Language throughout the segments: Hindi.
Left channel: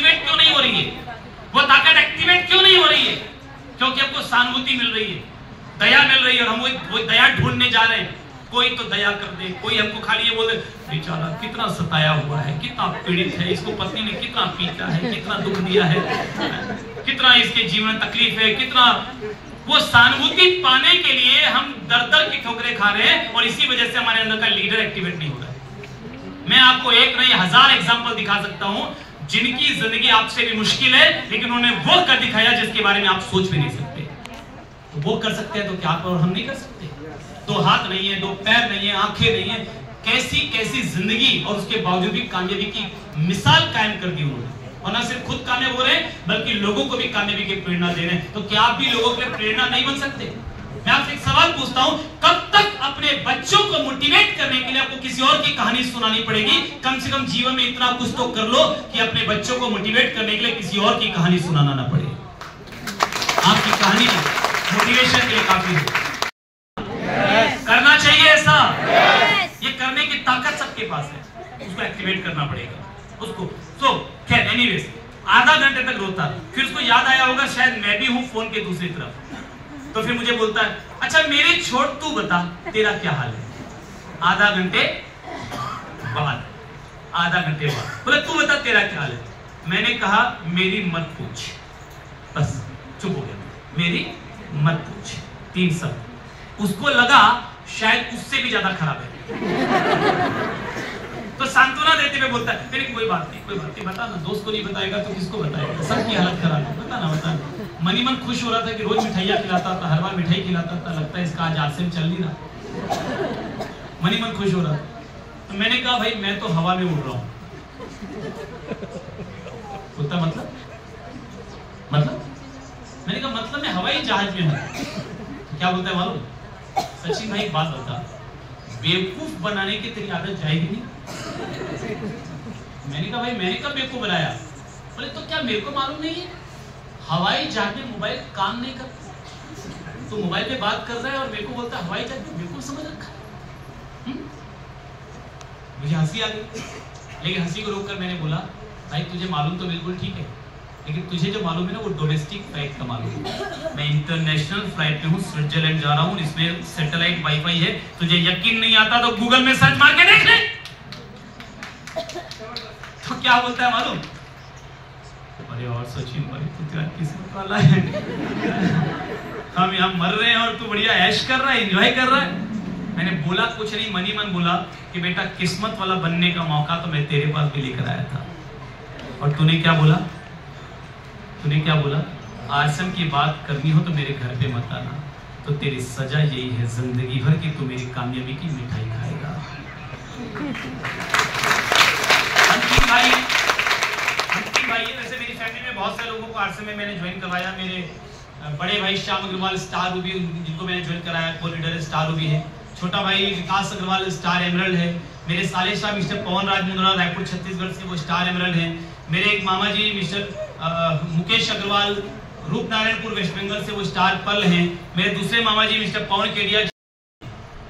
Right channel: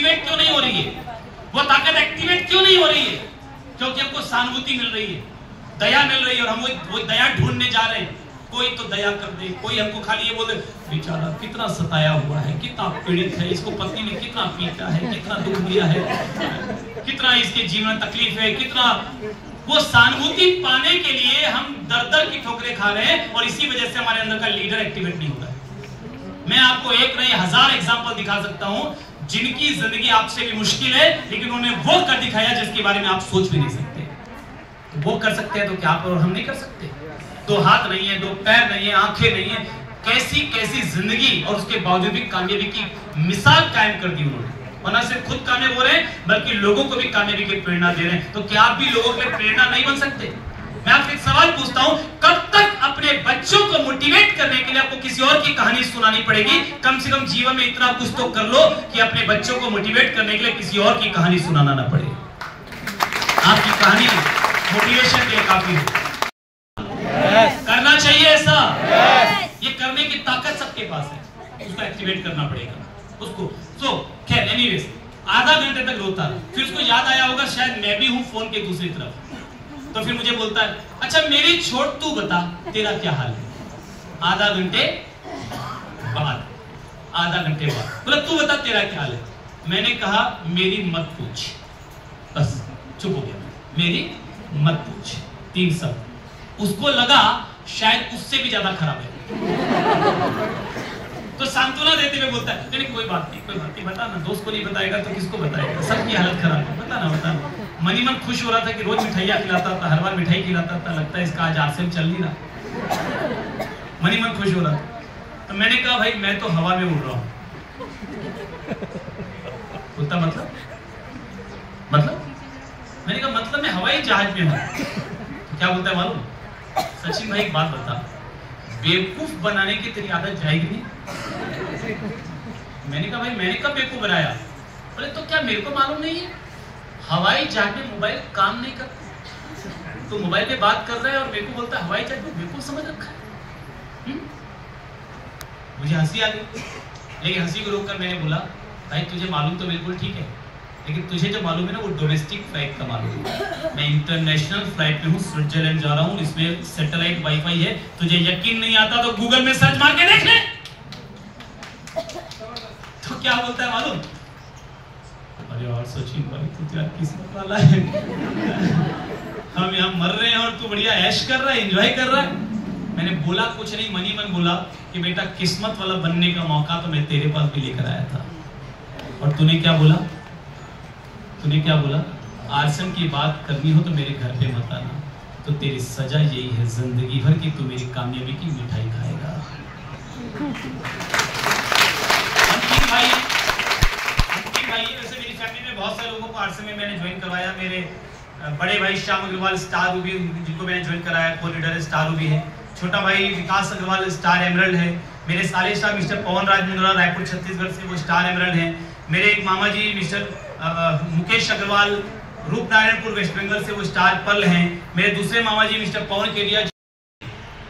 एक्टिवेट क्यों नहीं हो रही है? वो ताकत एक्टिवेट क्यों नहीं हो रही है? क्योंकि हमको सहानुभूति मिल रही है, दया मिल रही है, और हम वो दया ढूंढने जा रहे हैं। कोई तो दया कर दे, कोई हमको खाली ये बोले बेचारा कितना सताया हुआ है, कितना पीड़ित है, इसको पत्नी ने कितना पीटा है, कितना दुख दिया है, कितना इसके जीवन तकलीफ है, कितना। वो सहानुभूति पाने के लिए हम दर की ठोकरें खा रहे हैं, और इसी वजह से हमारे अंदर का लीडर एक्टिवेट नहीं हो रहा है। मैं आपको एक नहीं 1000 एग्जाम्पल दिखा सकता हूं जिनकी जिंदगी आपसे भी मुश्किल है, लेकिन उन्होंने वो कर दिखाया जिसके बारे में आप सोच भी नहीं सकते। तो वो कर सकते हैं तो क्या आप और हम नहीं कर सकते? 2 हाथ नहीं है, 2 पैर नहीं है, आंखें नहीं है, कैसी कैसी जिंदगी, और उसके बावजूद भी कामयाबी की मिसाल कायम कर दी उन्होंने। और न सिर्फ खुद कामयाब हो रहे हैं बल्कि लोगों को भी कामयाबी की प्रेरणा दे रहे हैं। तो क्या आप भी लोगों के लिए प्रेरणा नहीं बन सकते? मैं आपसे एक सवाल पूछता हूं, कब तक अपने बच्चों को मोटिवेट करने के लिए आपको किसी और की कहानी सुनानी पड़ेगी? कम से कम जीवन में इतना कुछ तो कर लो कि अपने बच्चों को मोटिवेट करने के लिए किसी और की कहानी सुनाना ना पड़े। आपकी कहानी मोटिवेशन के लिए काफी है। करना चाहिए ऐसा। ये करने की ताकत सबके पास है, उसको एक्टिवेट करना पड़ेगा उसको। सो खैर एनीवेज, आधा घंटे तक रोता, फिर उसको याद आया होगा शायद मैं भी हूं फोन के दूसरी तरफ। तो फिर मुझे बोलता है, अच्छा मेरी छोड़, तू बता तेरा क्या हाल है? आधा घंटे बाद बोला तू बता तेरा क्या हाल है? मैंने कहा मेरी मत पूछ, बस चुप हो गया। मेरी मत पूछ, 3 शब्द। उसको लगा शायद उससे भी ज्यादा खराब है, तो सांत्वना देते हुए बोलता है तेरी कोई बात नहीं, बता ना। दोस्त को नहीं बताएगा तो किसको बताएगा? सबकी हालत खराब है, बता ना। मनी मन खुश हो रहा था कि रोज मिठाइयाँ खिलाता था, हर बार मिठाई खिलाता था, लगता है इसका आज आरसीएम चल नहीं रहा। मनी मन खुश हो रहा था। तो मैंने कहा भाई मैं तो हवा में उड़ रहा हूँ। बोलता मतलब मैंने कहा मतलब मैं हवाई जहाज में हूँ। तो क्या बोलता है मालूम? सचिन भाई एक बात बता, बेवकूफ बनाने की तेरी आदत जाएगी नहीं? मैंने कहा भाई मैंने कब बेवकूफ बनाया? बोले तो क्या मेरे को मालूम नहीं है हवाई जहाज में मोबाइल काम नहीं करता? तो मोबाइल पे बात कर रहा है और मेरे को बोलता है हवाई जहाज में, बिल्कुल समझ रखा है। मुझे हंसी आ गई, लेकिन हंसी को रोककर मैंने बोला भाई तुझे मालूम तो बिल्कुल ठीक है, लेकिन तुझे जो मालूम है ना वो डोमेस्टिक फ्लाइट का मालूम है। मैं इंटरनेशनल फ्लाइट में हूँ, स्विट्जरलैंड जा रहा हूँ, इसमें सैटेलाइट वाईफाई है। तुझे यकीन नहीं आता तो गूगल में सर्च मार के देख ले। तो क्या बोलता है मालूम? अरे और सचिन भाई तू तो यार किस्मत वाला है, हम यहाँ मर रहे हैं और तू बढ़िया ऐश कर रहा है, एंजॉय कर रहा है। मैंने बोला कुछ नहीं, मनी मन बोला कि बेटा किस्मत वाला बनने का मौका तो मैं तेरे पास भी लेकर आया था, और तूने क्या बोला? आरसीएम की बात करनी हो तो मेरे घर पे मत आना, तो तेरी सजा यही है जिंदगी भर की, तू मेरी कामयाबी की मिठाई खाएगा। अंतिम भाई वैसे मेरी फैमिली में बहुत सारे लोगों को आरसीएम में मैंने ज्वाइन करवाया। मेरे बड़े भाई श्याम अग्रवाल स्टार रूबी, जिनको मैंने ज्वाइन कराया, को लीडर है, स्टार रूबी है। छोटा भाई विकास अग्रवाल स्टार एमरल्ड है। मेरे साले शाह मिस्टर पवन राज मुंद्रा रायपुर छत्तीसगढ़ से, वो स्टार एमरल्ड है। मेरे एक मामा जी मिस्टर मुकेश अग्रवाल रूपनारायणपुर वेस्ट बंगाल से, वो स्टार पर्ल हैं। मेरे दूसरे मामा जी मिस्टर पवन केडिया,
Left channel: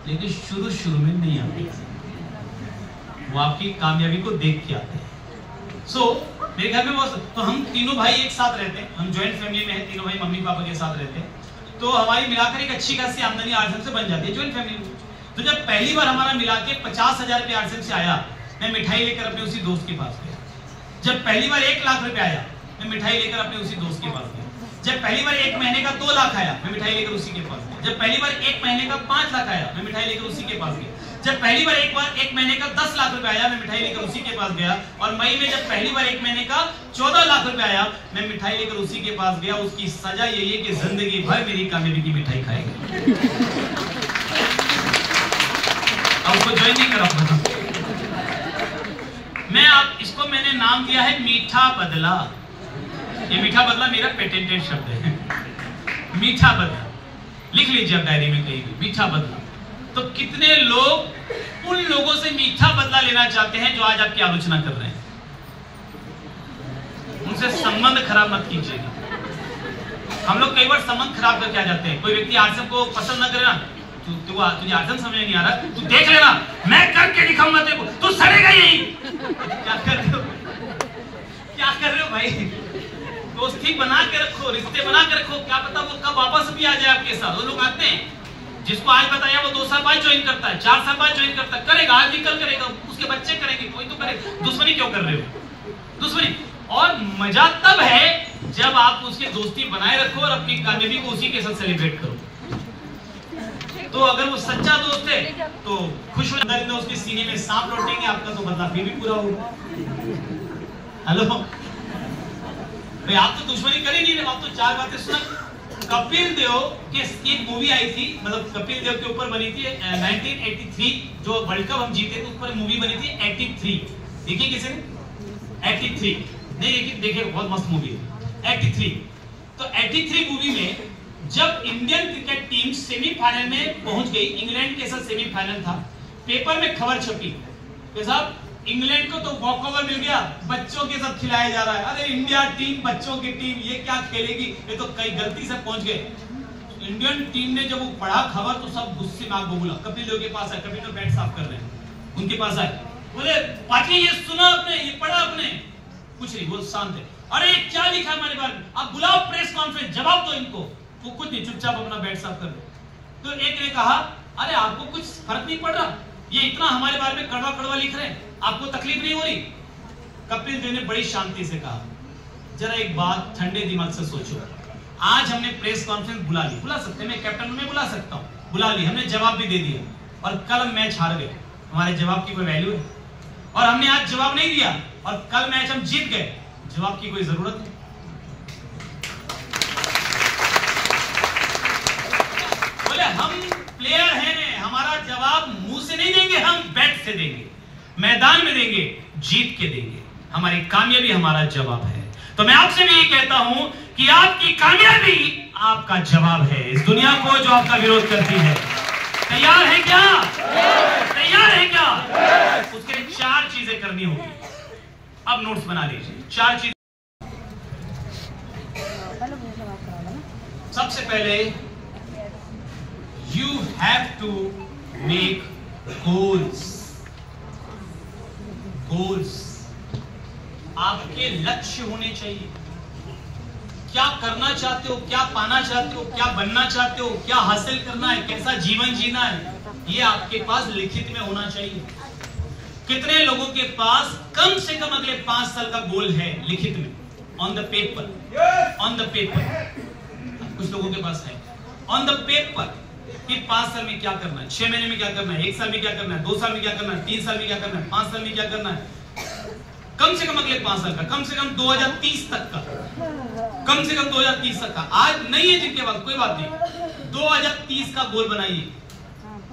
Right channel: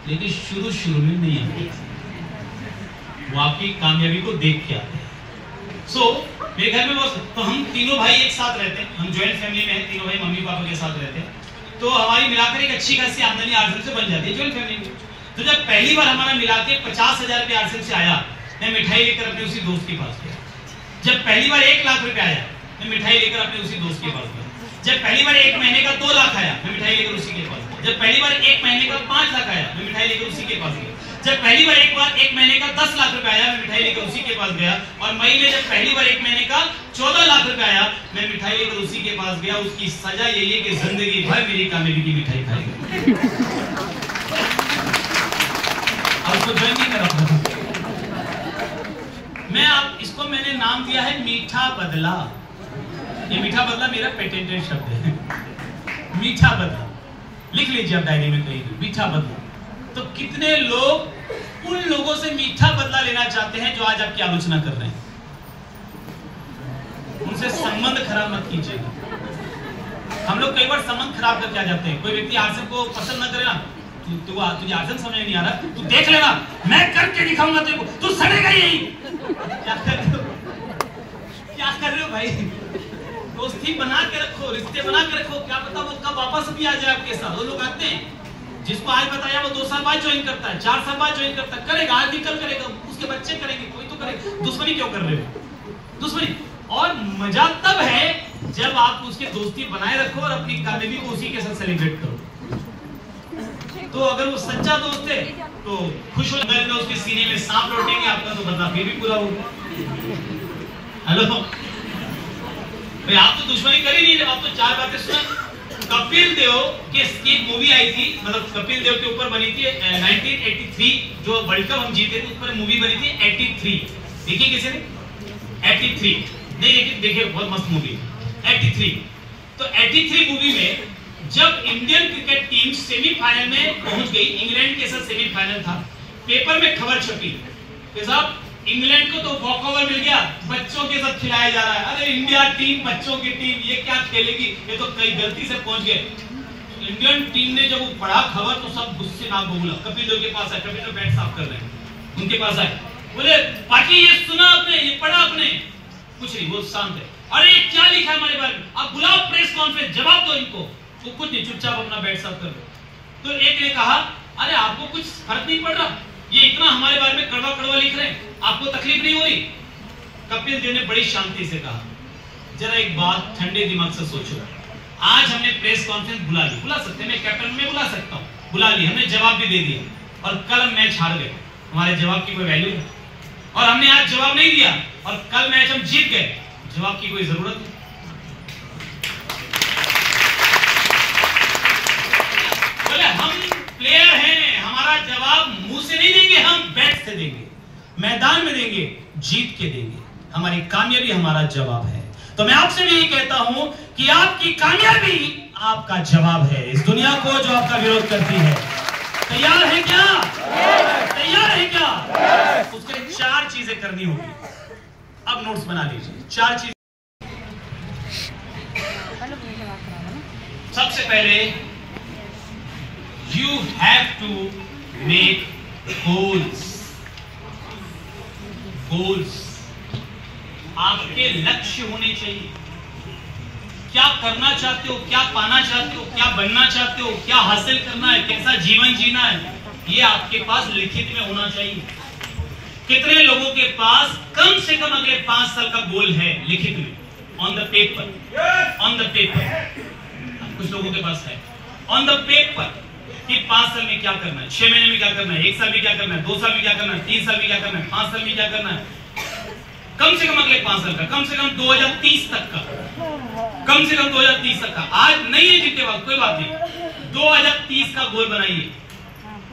लेकिन शुरू में नहीं आते, वो आपकी कामयाबी को देख के आते हैं। मेरे घर में तो हम तीनों भाई एक साथ रहते हैं, हम ज्वाइंट फैमिली में हैं, तीनों भाई मम्मी पापा के साथ रहते हैं। तो हमारी मिलाकर एक अच्छी खासी आमदनी आरसीएम से बन जाती है ज्वाइंट फैमिली में। तो जब पहली बार हमारा मिला के 50,000 रुपये आरसीएम से आया, मैं मिठाई लेकर अपने उसी दोस्त के पास गया। जब पहली बार 1 लाख रुपए आया, मैं मिठाई लेकर अपने उसी दोस्त के पास गया। जब पहली बार 1 महीने का 2 लाख आया, मैं मिठाई लेकर उसी के पास गया। जब पहली बार 1 महीने का 5 लाख आया, मैं मिठाई लेकर उसी के पास गया। जब पहली बार 1 महीने का 10 लाख रुपए आया, मैं मिठाई लेकर उसी के पास गया। और मई में जब पहली बार 1 महीने का 14 लाख रुपए आया, मैं मिठाई लेकर उसी के पास गया। उसकी सजा यही है कि जिंदगी भर मेरी कामयाबी की मिठाई खाएगा। अब उसको ज्वाइन नहीं करा। इसको मैंने नाम दिया है मीठा बदला। ये मीठा बदला मेरा पेटेंटेड शब्द है, मीठा बदला। लिख लीजिए आप डायरी में कहीं, मीठा बदला। तो कितने लोग उन लोगों से मीठा बदला लेना चाहते हैं जो आज आपकी आलोचना कर रहे हैं? उनसे संबंध खराब मत कीजिएगा। हम लोग कई बार संबंध खराब करके आ जाते हैं। कोई व्यक्ति आरसीएम को पसंद न करे ना, तुझे आरसीएम समझ नहीं आ रहा, तू देख लेना, मैं करके दिखाऊंगा तेरे को, तू सड़ेगा यही। क्या कर रहे हो भाई दोस्ती बना के रखो, रिश्ते बना के रखो, क्या पता वो कब वापस भी आ जाए आपके साथ। वो लोग आते हैं, जिसको आज बताया वो 2 साल बाद ज्वाइन करता है, 4 साल बाद ज्वाइन करता है, करेगा आज भी, कल करेगा, उसके बच्चे करेंगे, कोई तो करेगा। दुश्मनी क्यों कर रहे हो? दुश्मनी। और मजा तब है जब आप उसके दोस्ती बनाए रखो और अपनी कामयाबी को उसी के साथ सेलिब्रेट करो। तो अगर वो सच्चा दोस्त है तो खुश हो जाए, उसके सीने में सांप लौटेंगे, आपका तो बदला फिर भी पूरा होगा। हेलो भाई, आप तो दुश्मनी कर ही नहीं रहे, आप तो 4 बातें सुना। कपिल देव की एक मूवी आई थी, मतलब कपिल देव के ऊपर बनी थी 1983, जो वर्ल्ड कप हम जीते थे उस पर मूवी बनी थी 83। देखिए किसी ने 83 नहीं देखिए? देखिए बहुत मस्त मूवी 83। तो 83 मूवी में जब इंडियन क्रिकेट टीम सेमीफाइनल में पहुंच गई, इंग्लैंड के साथ सेमीफाइनल था, पेपर में खबर छपी कि साहब इंग्लैंड को तो वॉकओवर मिल गया, बच्चों के साथ खिलाया जा रहा है। अरे इंडिया टीम, बच्चों की टीम, ये क्या खेलेगी, ये तो कई गलती से पहुंच गए। इंडियन टीम ने जब वो पढ़ा खबर तो सब गुस्से में आग बबूला। कपिल देव के पास आए, कपिल देव बैट साफ कर रहे हैं, उनके पास आए, बोले पाटिल ये सुना आपने, ये पढ़ा आपने? कुछ नहीं, वो शांत है। अरे क्या लिखा है हमारे बारे में, आप बुलाओ प्रेस कॉन्फ्रेंस, जवाब दो इनको। वो कुछ नहीं, चुपचाप अपना बैट साफ कर दो। तो एक ने कहा अरे आपको कुछ फर्क नहीं पड़ रहा, ये इतना हमारे बारे में कड़वा कड़वा लिख रहे हैं, आपको तकलीफ नहीं हो रही? कपिल देव ने बड़ी शांति से कहा, जरा एक बात ठंडे दिमाग से सोचो, आज हमने प्रेस कॉन्फ्रेंस बुला ली, बुला सकते हैं, मैं कैप्टन में बुला सकता हूं, बुला ली, हमने जवाब भी दे दिया, और कल मैच हार गए, हमारे जवाब की कोई वैल्यू नहीं। और हमने आज जवाब नहीं दिया और कल मैच हम जीत गए, जवाब की कोई जरूरत नहीं। बोले हम प्लेयर हैं, हमारा जवाब मुंह से नहीं देंगे, हम बैट से देंगे, मैदान में देंगे, जीत के देंगे, हमारी कामयाबी हमारा जवाब है। तो मैं आपसे भी यही कहता हूं कि आपकी कामयाबी आपका जवाब है इस दुनिया को जो आपका विरोध करती है। तैयार है क्या? तैयार है क्या? उसके लिए 4 चीजें करनी होगी। अब नोट्स बना लीजिए, 4 चीज। सबसे पहले you have to make goals. Goals, आपके लक्ष्य होने चाहिए। क्या करना चाहते हो, क्या पाना चाहते हो, क्या बनना चाहते हो, क्या हासिल करना है, कैसा जीवन जीना है, ये आपके पास लिखित में होना चाहिए। कितने लोगों के पास कम से कम अगले 5 साल का गोल है लिखित में, on the paper, on the paper. कुछ लोगों के पास है ऑन द पेपर कि 5 साल में क्या करना है, 6 महीने में क्या करना है, 1 साल में क्या करना है, 2 साल में क्या करना है, 3 साल में क्या करना है, 5 साल में क्या करना है, कम से कम अगले 5 साल का, कम से कम 2030 तक का, कम से कम 2030 तक का। आज नहीं है जीते वक्त, कोई बात नहीं, 2030 का गोल बनाइए।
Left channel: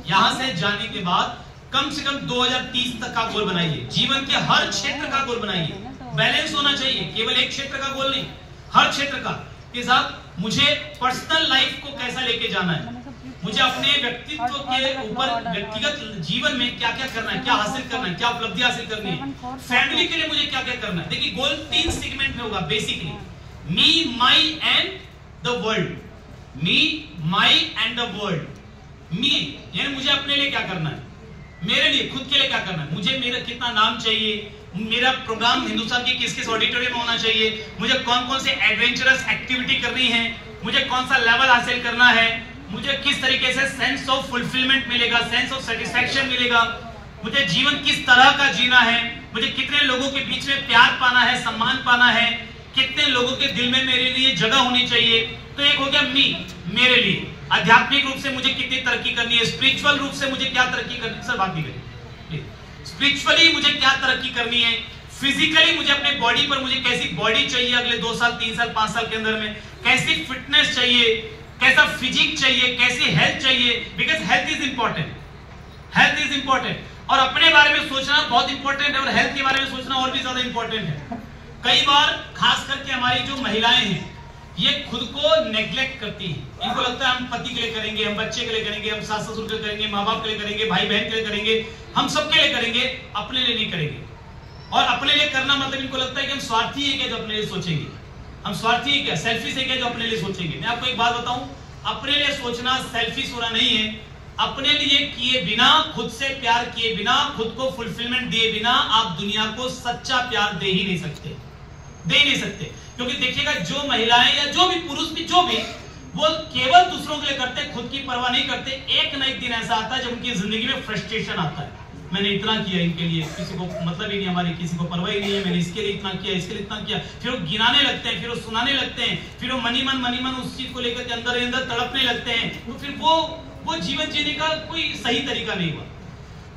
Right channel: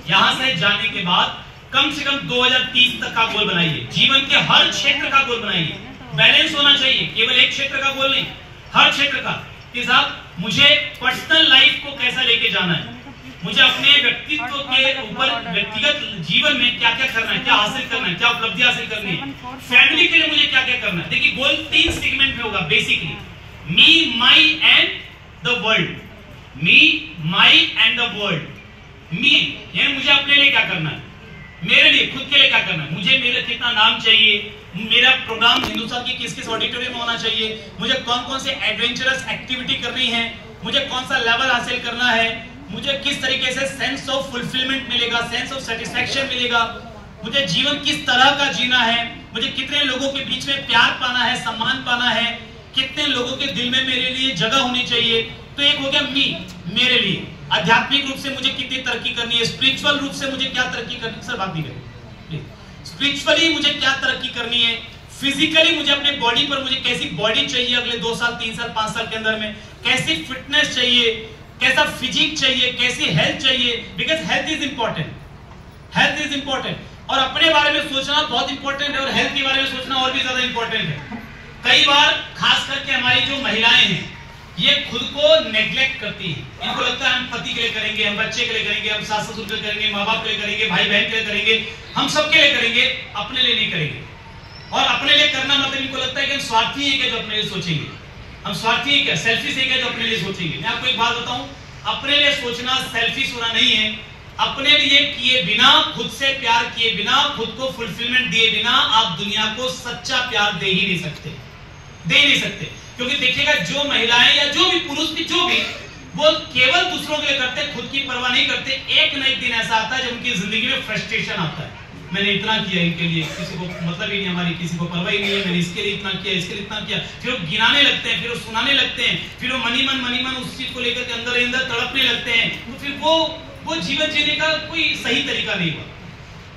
यहां से जाने के बाद कम से कम 2030 तक का गोल बनाइए। जीवन के हर क्षेत्र का गोल बनाइए। बैलेंस होना चाहिए, केवल एक क्षेत्र का गोल नहीं, हर क्षेत्र का। कि साहब मुझे पर्सनल लाइफ को कैसा लेके जाना है, मुझे अपने व्यक्तित्व के ऊपर व्यक्तिगत जीवन में क्या क्या करना है, क्या हासिल करना है, क्या उपलब्धि हासिल करनी है, फैमिली के लिए मुझे क्या क्या करना है। देखिए गोल 3 सेगमेंट में होगा basically, me, my and the world. Me, my and the world. Me यानी मुझे अपने लिए क्या करना है, मेरे लिए खुद के लिए क्या करना है, मुझे मेरा कितना नाम चाहिए, मेरा प्रोग्राम हिंदुस्तान की किस किस ऑडिटोरियम में होना चाहिए, मुझे कौन कौन से एडवेंचरस एक्टिविटी करनी है, मुझे कौन सा लेवल हासिल करना है, मुझे किस तरीके से सेंस ऑफ फुलफिलमेंट मिलेगा, सेंस ऑफ सेटिस्फैक्शन मिलेगा, मुझे जीवन किस तरह का जीना है, मुझे कितने लोगों के बीच में प्यार पाना है, सम्मान पाना है, कितने लोगों के दिल में मेरे लिए जगह होनी चाहिए। तो एक हो गया मी, मेरे लिए। आध्यात्मिक रूप से मुझे कितनी तरक्की करनी है, स्पिरिचुअल रूप से मुझे क्या तरक्की करनी है, सर बात नहीं करें, स्पिरिचुअली मुझे क्या तरक्की करनी है, फिजिकली मुझे अपने बॉडी पर मुझे कैसी बॉडी चाहिए अगले 2 साल 3 साल 5 साल के अंदर में, कैसी फिटनेस चाहिए, कैसा फिजिक चाहिए, कैसी हेल्थ चाहिए, because health is important, health is important. और अपने बारे में सोचना बहुत इंपॉर्टेंट है और हेल्थ के बारे में सोचना और भी ज्यादा इंपॉर्टेंट है। कई बार खास करके हमारी जो महिलाएं हैं ये खुद को नेग्लेक्ट करती हैं। इनको लगता है हम पति के लिए करेंगे, हम बच्चे के लिए करेंगे, हम सास ससुर के लिए करेंगे, माँ बाप के लिए करेंगे, भाई बहन के लिए करेंगे, हम सबके लिए करेंगे, अपने लिए नहीं करेंगे। और अपने लिए करना मतलब इनको लगता है कि हम स्वार्थी हैं क्या जो अपने लिए सोचेंगे, हम स्वार्थी हैं क्या, सेल्फिश है क्या जो अपने लिए सोचेंगे। मैं आपको एक बात बताऊं, अपने लिए सोचना सेल्फिश होना नहीं है। अपने लिए किए बिना, खुद से प्यार किए बिना, खुद को फुलफिलमेंट दिए बिना आप दुनिया को सच्चा प्यार दे ही नहीं सकते। दे नहीं सकते। क्योंकि देखिएगा जो महिलाएं या जो भी पुरुष भी जो भी वो केवल दूसरों के लिए करते हैं, खुद की परवाह नहीं करते। एक न एक दिन ऐसा आता है जब उनकी जिंदगी में फ्रस्ट्रेशन आता है, मैंने इतना किया इनके लिए, किसी को मतलब ही नहीं, हमारी किसी को परवाह ही नहीं है, मैंने इसके लिए इतना किया, इसके लिए इतना किया। फिर वो गिनाने लगते हैं, फिर वो सुनाने लगते हैं, फिर वो मनी मन उस चीज को लेकर के अंदर तड़पने लगते हैं। तो फिर वो जीवन जीने का कोई सही तरीका नहीं हुआ।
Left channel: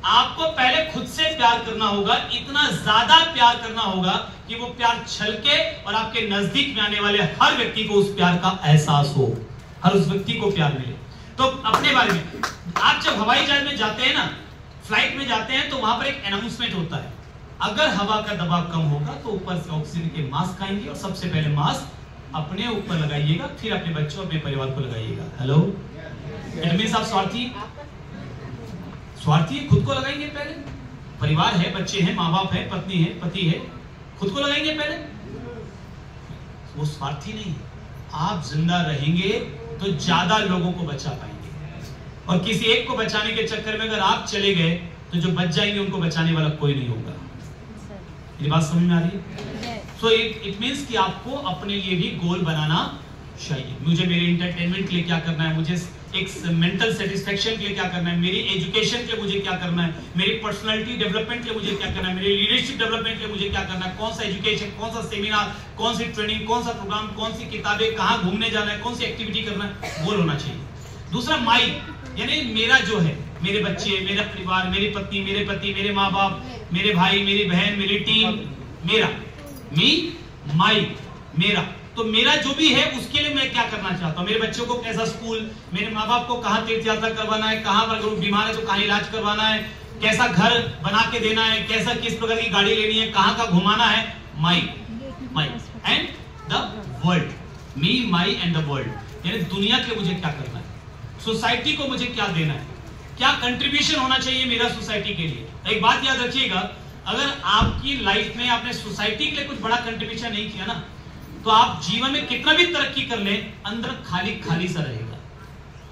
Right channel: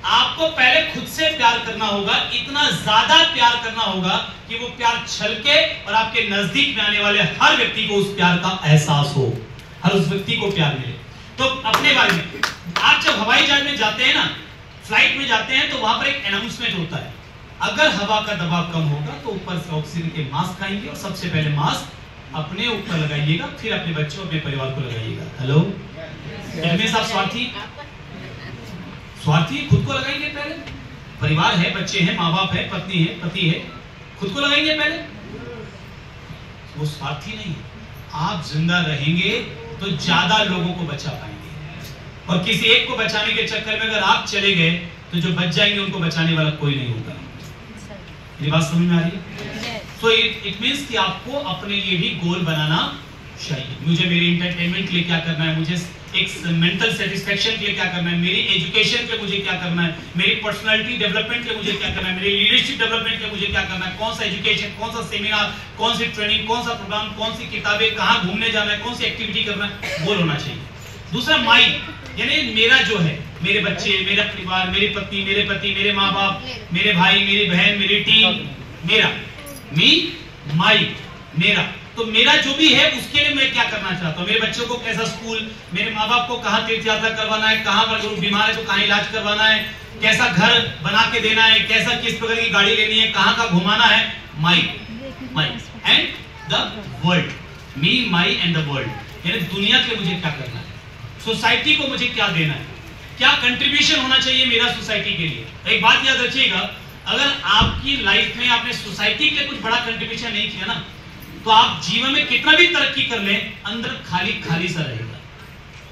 आपको पहले खुद से प्यार करना होगा, इतना ज्यादा प्यार करना होगा कि वो प्यार छलके और आपके नजदीक में आने वाले हर व्यक्ति को उस प्यार का एहसास हो, हर उस व्यक्ति को प्यार मिले। तो अपने बारे में आप जब हवाई जहाज में जाते हैं ना, फ्लाइट में जाते हैं, तो वहां पर एक अनाउंसमेंट होता है, अगर हवा का दबाव कम होगा तो ऊपर से ऑक्सीजन के मास्क आएंगे और सबसे पहले मास्क अपने ऊपर लगाइएगा, फिर अपने बच्चों अपने परिवार को लगाइएगा। हेलो, आप स्वार्थी खुद को लगाएंगे पहले, परिवार है, बच्चे हैं, माँ बाप है, पत्नी है, पति है, खुद को लगाएंगे पहले। वो स्वार्थी नहीं है। आप जिंदा रहेंगे तो ज्यादा लोगों को बचा पाएंगे, और किसी एक को बचाने के चक्कर में अगर आप चले गए तो जो बच जाएंगे उनको बचाने वाला कोई नहीं होगा। ये बात समझ में आ रही है? सो इट मींस कि आपको अपने लिए भी गोल बनाना चाहिए। मुझे मेरे एंटरटेनमेंट के लिए क्या करना है, मुझे एक मेंटल सेटिस्फेक्शन के लिए क्या करना है, मेरी एजुकेशन के लिए मुझे क्या करना है, मेरी पर्सनालिटी डेवलपमेंट के लिए मुझे क्या करना है, मेरी लीडरशिप डेवलपमेंट के लिए मुझे क्या करना है, कौन सा एजुकेशन, कौन सा सेमिनार, कौन सी ट्रेनिंग, कौन सा प्रोग्राम, कौन सी किताबें, कहाँ घूमने जाना है, कौन सी एक्टिविटी करना है, गोल होना चाहिए। दूसरा माई, यानी मेरा जो है, मेरे बच्चे, मेरा परिवार, मेरी पत्नी, मेरे पति, मेरे माँ बाप, मेरे भाई, मेरी बहन, मेरी टीम, मेरा माई, मेरा, तो मेरा जो भी है उसके लिए मैं क्या करना चाहता हूँ, मेरे बच्चों को कैसा स्कूल, मेरे माँ बाप को कहाँ तीर्थ यात्रा करवाना है, कहाँ पर बीमार है तो कहाँ इलाज करवाना है, कैसा घर बना के देना है, कैसा किस प्रकार की गाड़ी लेनी है, कहाँ का घुमाना है, my and the world, me, my and the world, यानी दुनिया के मुझे क्या करना है, सोसाइटी को मुझे क्या देना है, क्या कंट्रीब्यूशन होना चाहिए मेरा सोसाइटी के लिए। एक बात याद रखिएगा, अगर आपकी लाइफ में आपने सोसाइटी के लिए कुछ बड़ा कंट्रीब्यूशन नहीं किया ना, तो आप जीवन में कितना भी तरक्की कर लें, अंदर खाली खाली सा रहेगा,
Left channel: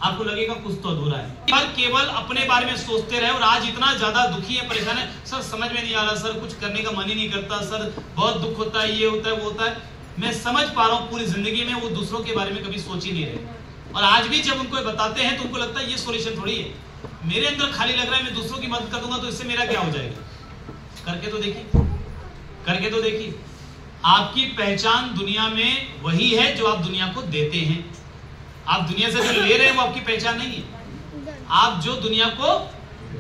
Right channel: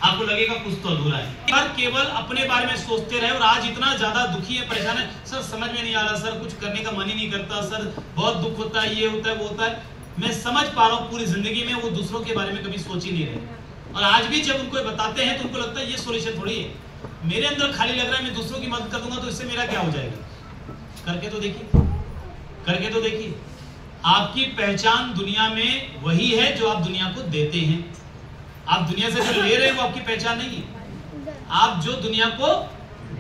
आपको लगेगा कुछ तो अधूरा है। पर केवल अपने बारे में सोचते रहे, और आज इतना ज्यादा दुखी है, परेशान है, सर समझ में नहीं आ रहा, सर कुछ करने का मन ही नहीं करता, सर बहुत दुख होता है, ये होता है, वो होता है। मैं समझ पा रहा हूँ, पूरी जिंदगी में वो दूसरों के बारे में कभी सोच ही नहीं रहे, और आज भी जब उनको बताते हैं तो उनको लगता है ये सोल्यूशन थोड़ी है, मेरे अंदर खाली लग रहा है, मैं दूसरों की मदद कर दूंगा तो इससे मेरा क्या हो जाएगा। करके तो देखिए, करके तो देखिए। आपकी पहचान दुनिया में वही है जो आप दुनिया को देते हैं। आप दुनिया से जो ले रहे हैं वो आपकी पहचान नहीं है, आप जो दुनिया को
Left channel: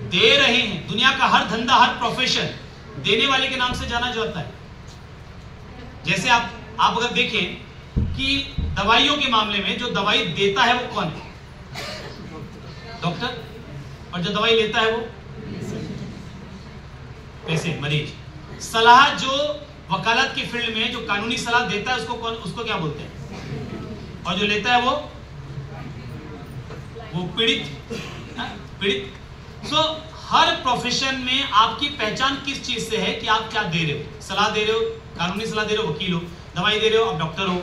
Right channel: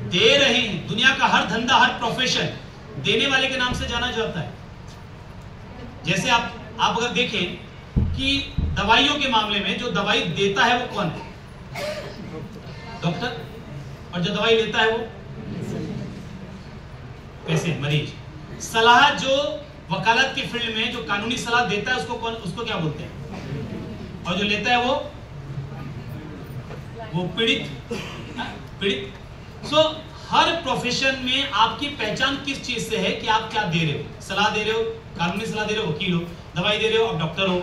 दे रहे हैं। दुनिया का हर धंधा, हर प्रोफेशन देने वाले के नाम से जाना जाता है। जैसे आप अगर देखें कि दवाइयों के मामले में जो दवाई देता है वो कौन है, डॉक्टर, और जो दवाई लेता है वो पैसे, मरीज। सलाह जो वकालत की फील्ड में जो कानूनी सलाह देता है उसको क्या बोलते हैं, और जो लेता है वो पीड़ित। सो हर प्रोफेशन में आपकी पहचान किस चीज से है कि आप क्या दे रहे हो, सलाह दे रहे हो, कानूनी सलाह दे रहे हो, वकील हो, दवाई दे रहे हो, आप डॉक्टर हो,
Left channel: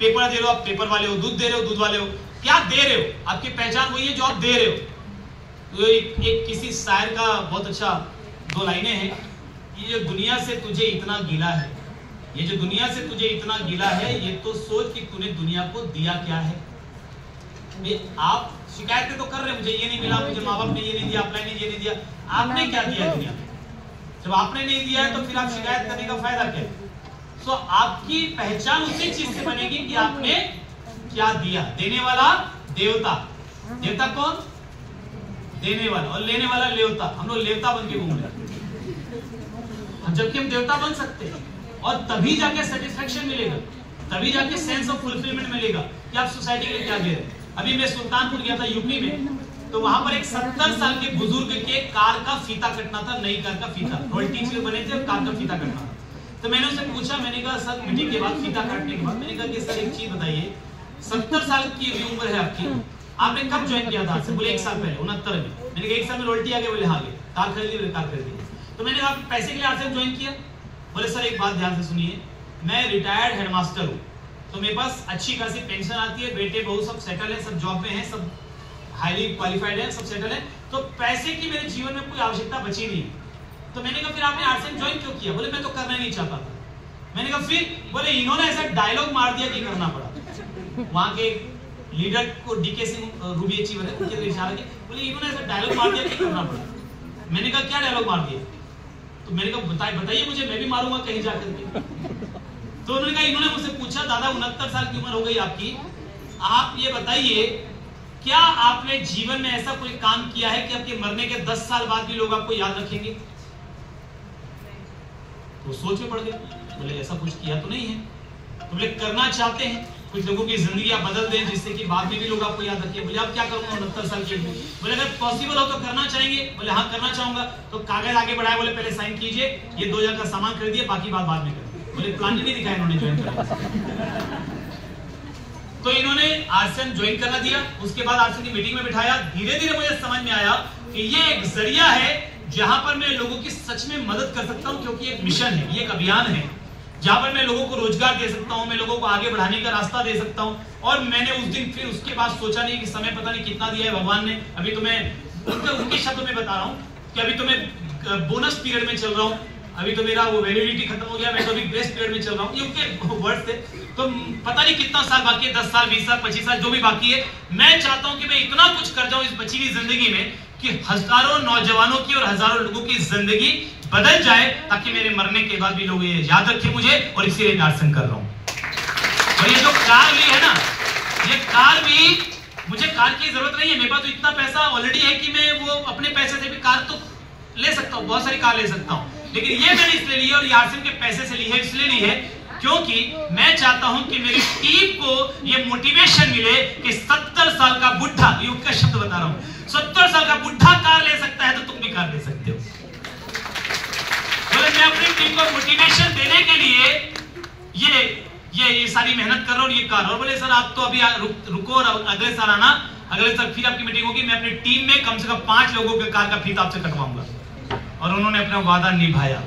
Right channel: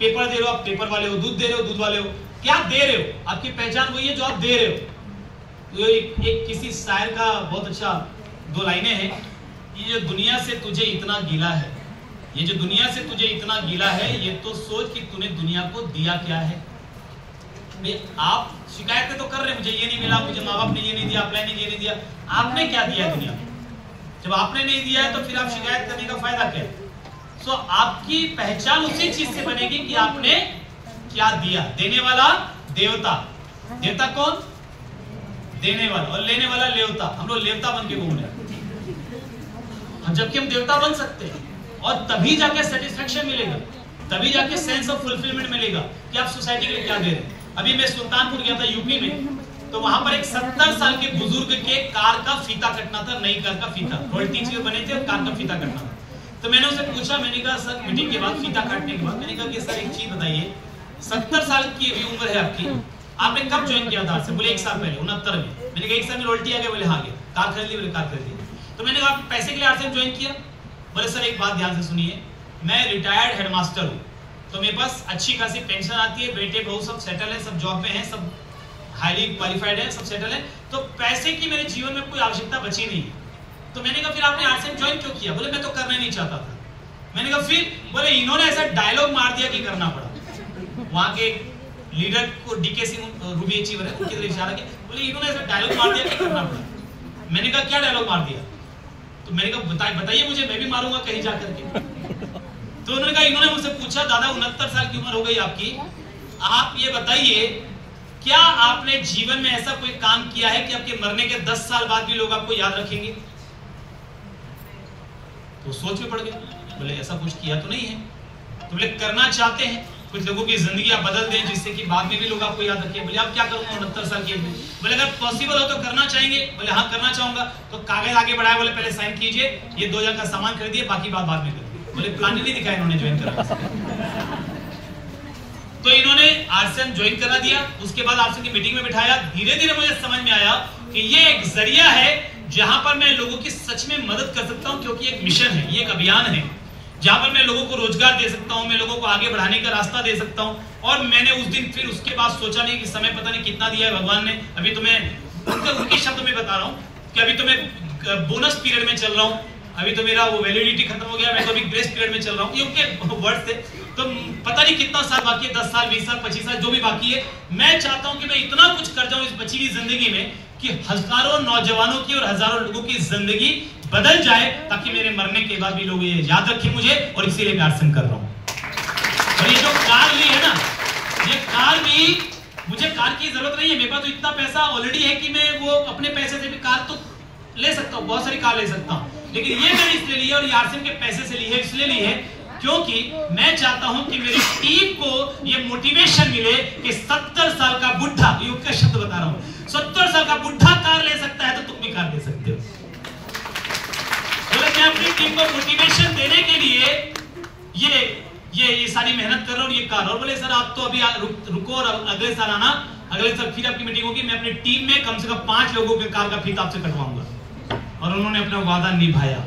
पेपर दे रहे हो, आप पेपर वाले हो, दूध दे रहे हो, दूध वाले हो, क्या दे रहे हो, आपकी पहचान वही है जो आप दे रहे हो। तो एक किसी शायर का बहुत अच्छा 2 लाइनें हैं, ये जो दुनिया से तुझे इतना गिला है, ये जो दुनिया से तुझे इतना गिला है, ये तो सोच कि तूने दुनिया को दिया क्या है। आप शिकायतें तो कर रहे हैं, मुझे ये नहीं मिला, मुझे माँ बाप ने ये नहीं दिया, अप्लाई ने ये नहीं दिया, आपने क्या दिया है दुनिया को? जब आपने नहीं दिया है तो फिर आप शिकायत करने का फायदा क्या है? सो आपकी पहचान उसी चीज से बनेगी कि आपने क्या दिया। देने वाला देवता, देवता कौन? देने वाला, और लेने वाला लेवता। हम लोग लेवता बन के घूम रहे हैं, जबकि हम देवता बन सकते हैं, और तभी जाके सेटिस्फेक्शन मिलेगा, तभी जाके सेंस ऑफ फुलफिलमेंट मिलेगा कि आप सोसाइटी के लिए क्या दे रहे हैं। अभी मैं सुल्तानपुर गया था यूपी में, तो वहां पर एक 70 साल के बुजुर्ग के कार का फीता कटना था, नई कार का फीता, रॉयल्टी से बने थे, कार का फीता कटना था। तो मैंने उससे पूछा, मैंने कहा सर मीटिंग के बाद, फीता काटने के बाद, मैंने कहा कि सर एक चीज बताइए, 70 साल की अभी उम्र है आपकी, आपने कब ज्वाइन किया था? बोले 1 साल पहले, 69 में। मैंने कहा 1 साल में रॉयल्टी आ गई? बोले हाँ गए। कार खरीद ली? बोले कार खरीद ली। तो मैंने कहा पैसे के लिए आरसीएम ज्वाइन किया? बोले सर एक बात ध्यान से सुनिए, मैं रिटायर्ड हेडमास्टर हूँ, तो मेरे पास अच्छी खासी पेंशन आती है, बेटे बहू सब सेटल है, सब जॉब में है, सब हाईली क्वालिफाइड है, सब सेटल है, तो पैसे की मेरे जीवन में कोई आवश्यकता बची नहीं। तो मैंने कहा फिर आपने आरसीएम ज्वाइन क्यों किया? बोले मैं तो करना ही नहीं चाहता था। मैंने कहा फिर? बोले इन्होंने ऐसा डायलॉग मार दिया कि करना पड़ा। वहां के लीडर को डीके सिंह रूबी अचीवर है, उनके लिए इशारा किया, बोले इन्होंने ऐसा डायलॉग मार दिया कि करना पड़ा। मैंने कहा क्या डायलॉग मार दिया? तो मैंने कहा बताइए मुझे, मैं भी मारूंगा कहीं जाकर के। तो उन्होंने कहा, इन्होंने मुझसे पूछा दादा 69 साल की उम्र हो गई आपकी, आप ये बताइए क्या आपने जीवन में ऐसा कोई काम किया है कि आपके मरने के 10 साल बाद भी लोग आपको याद रखेंगे? तो सोच में पड़ गए, बोले ऐसा कुछ किया तो नहीं है। तो बोले करना चाहते हैं, कुछ लोगों की जिंदगी आप बदल दें जिससे कि बाद में भी लोग आपको याद रखें। बोले आप क्या करोगे 69 साल की उम्र? बोले अगर पॉसिबल हो तो करना चाहेंगे? बोले हाँ करना चाहूंगा। तो कागज आगे बढ़ाए, बोले पहले साइन कीजिए, ये 2000 का सामान खरीदिए, बाकी बात बाद में करिए। बोले प्लान नहीं दिखाया इन्होंने ज्वाइन करा। तो इन्होंने आरसीएम ज्वाइन करा दिया। उसके बाद आरसीएम की मीटिंग में बिठाया। धीरे धीरे मुझे समझ में आया कि ये एक जरिया है जहां पर मैं लोगों की सच में मदद कर सकता हूं, क्योंकि एक मिशन है, ये एक अभियान है जहां पर मैं लोगों को रोजगार दे सकता हूं, मैं लोगों को आगे बढ़ाने का रास्ता दे सकता हूं। और मैंने उस दिन फिर उसके बाद सोचा नहीं कि समय पता नहीं कितना दिया है भगवान ने। अभी तो मैं उनके शब्द में बता रहा हूं कि अभी तो मैं बोनस पीरियड में चल रहा हूं, अभी तो मेरा वो वैलिडिटी खत्म हो गया, मैं तो अभी ग्रेस पीरियड में चल रहा हूं। ये उनके वर्ड से तो पता नहीं कितना साल बाकी है, 10 साल 20 साल 25 साल जो भी बाकी है। मैं चाहता हूं कि मैं इतना कुछ कर जाऊं इस बची हुई जिंदगी में कि हजारों नौजवानों की और हजारों लोगों की जिंदगी बदल जाए, ताकि मेरे मरने के बाद भी लोग ये याद रखें मुझे। और इसीलिए आरसीएम कर रहा हूं। और ये जो कार ली है ना, ये कार भी मुझे कार की जरूरत नहीं है, मेरे पास तो इतना पैसा ऑलरेडी है कि मैं वो अपने पैसे से भी कार तो ले सकता हूं, बहुत सारी कार ले सकता हूं। लेकिन ये मैंने इसलिए ली है और आरसीएम के पैसे से ली है, इसलिए ली है क्योंकि मैं चाहता हूं कि मेरी टीम को ये मोटिवेशन मिले कि 70 साल का बुढ़ा, ये उनका शब्द बता रहा हूं, 70 साल का बुढ़ा कार ले सकता है तो तुम भी कार ले सकते हो। मैं अपनी टीम को मोटिवेशन देने के लिए ये सारी मेहनत कर रहा हूं, ये कार। और बोले सर आप तो अभी रुको और अगले साल आना, अगले साल फिर आपकी मीटिंग होगी, मैं अपनी टीम में कम से कम 5 लोगों के कार का फीस आपसे कटवाऊंगा। और उन्होंने अपना वादा निभाया,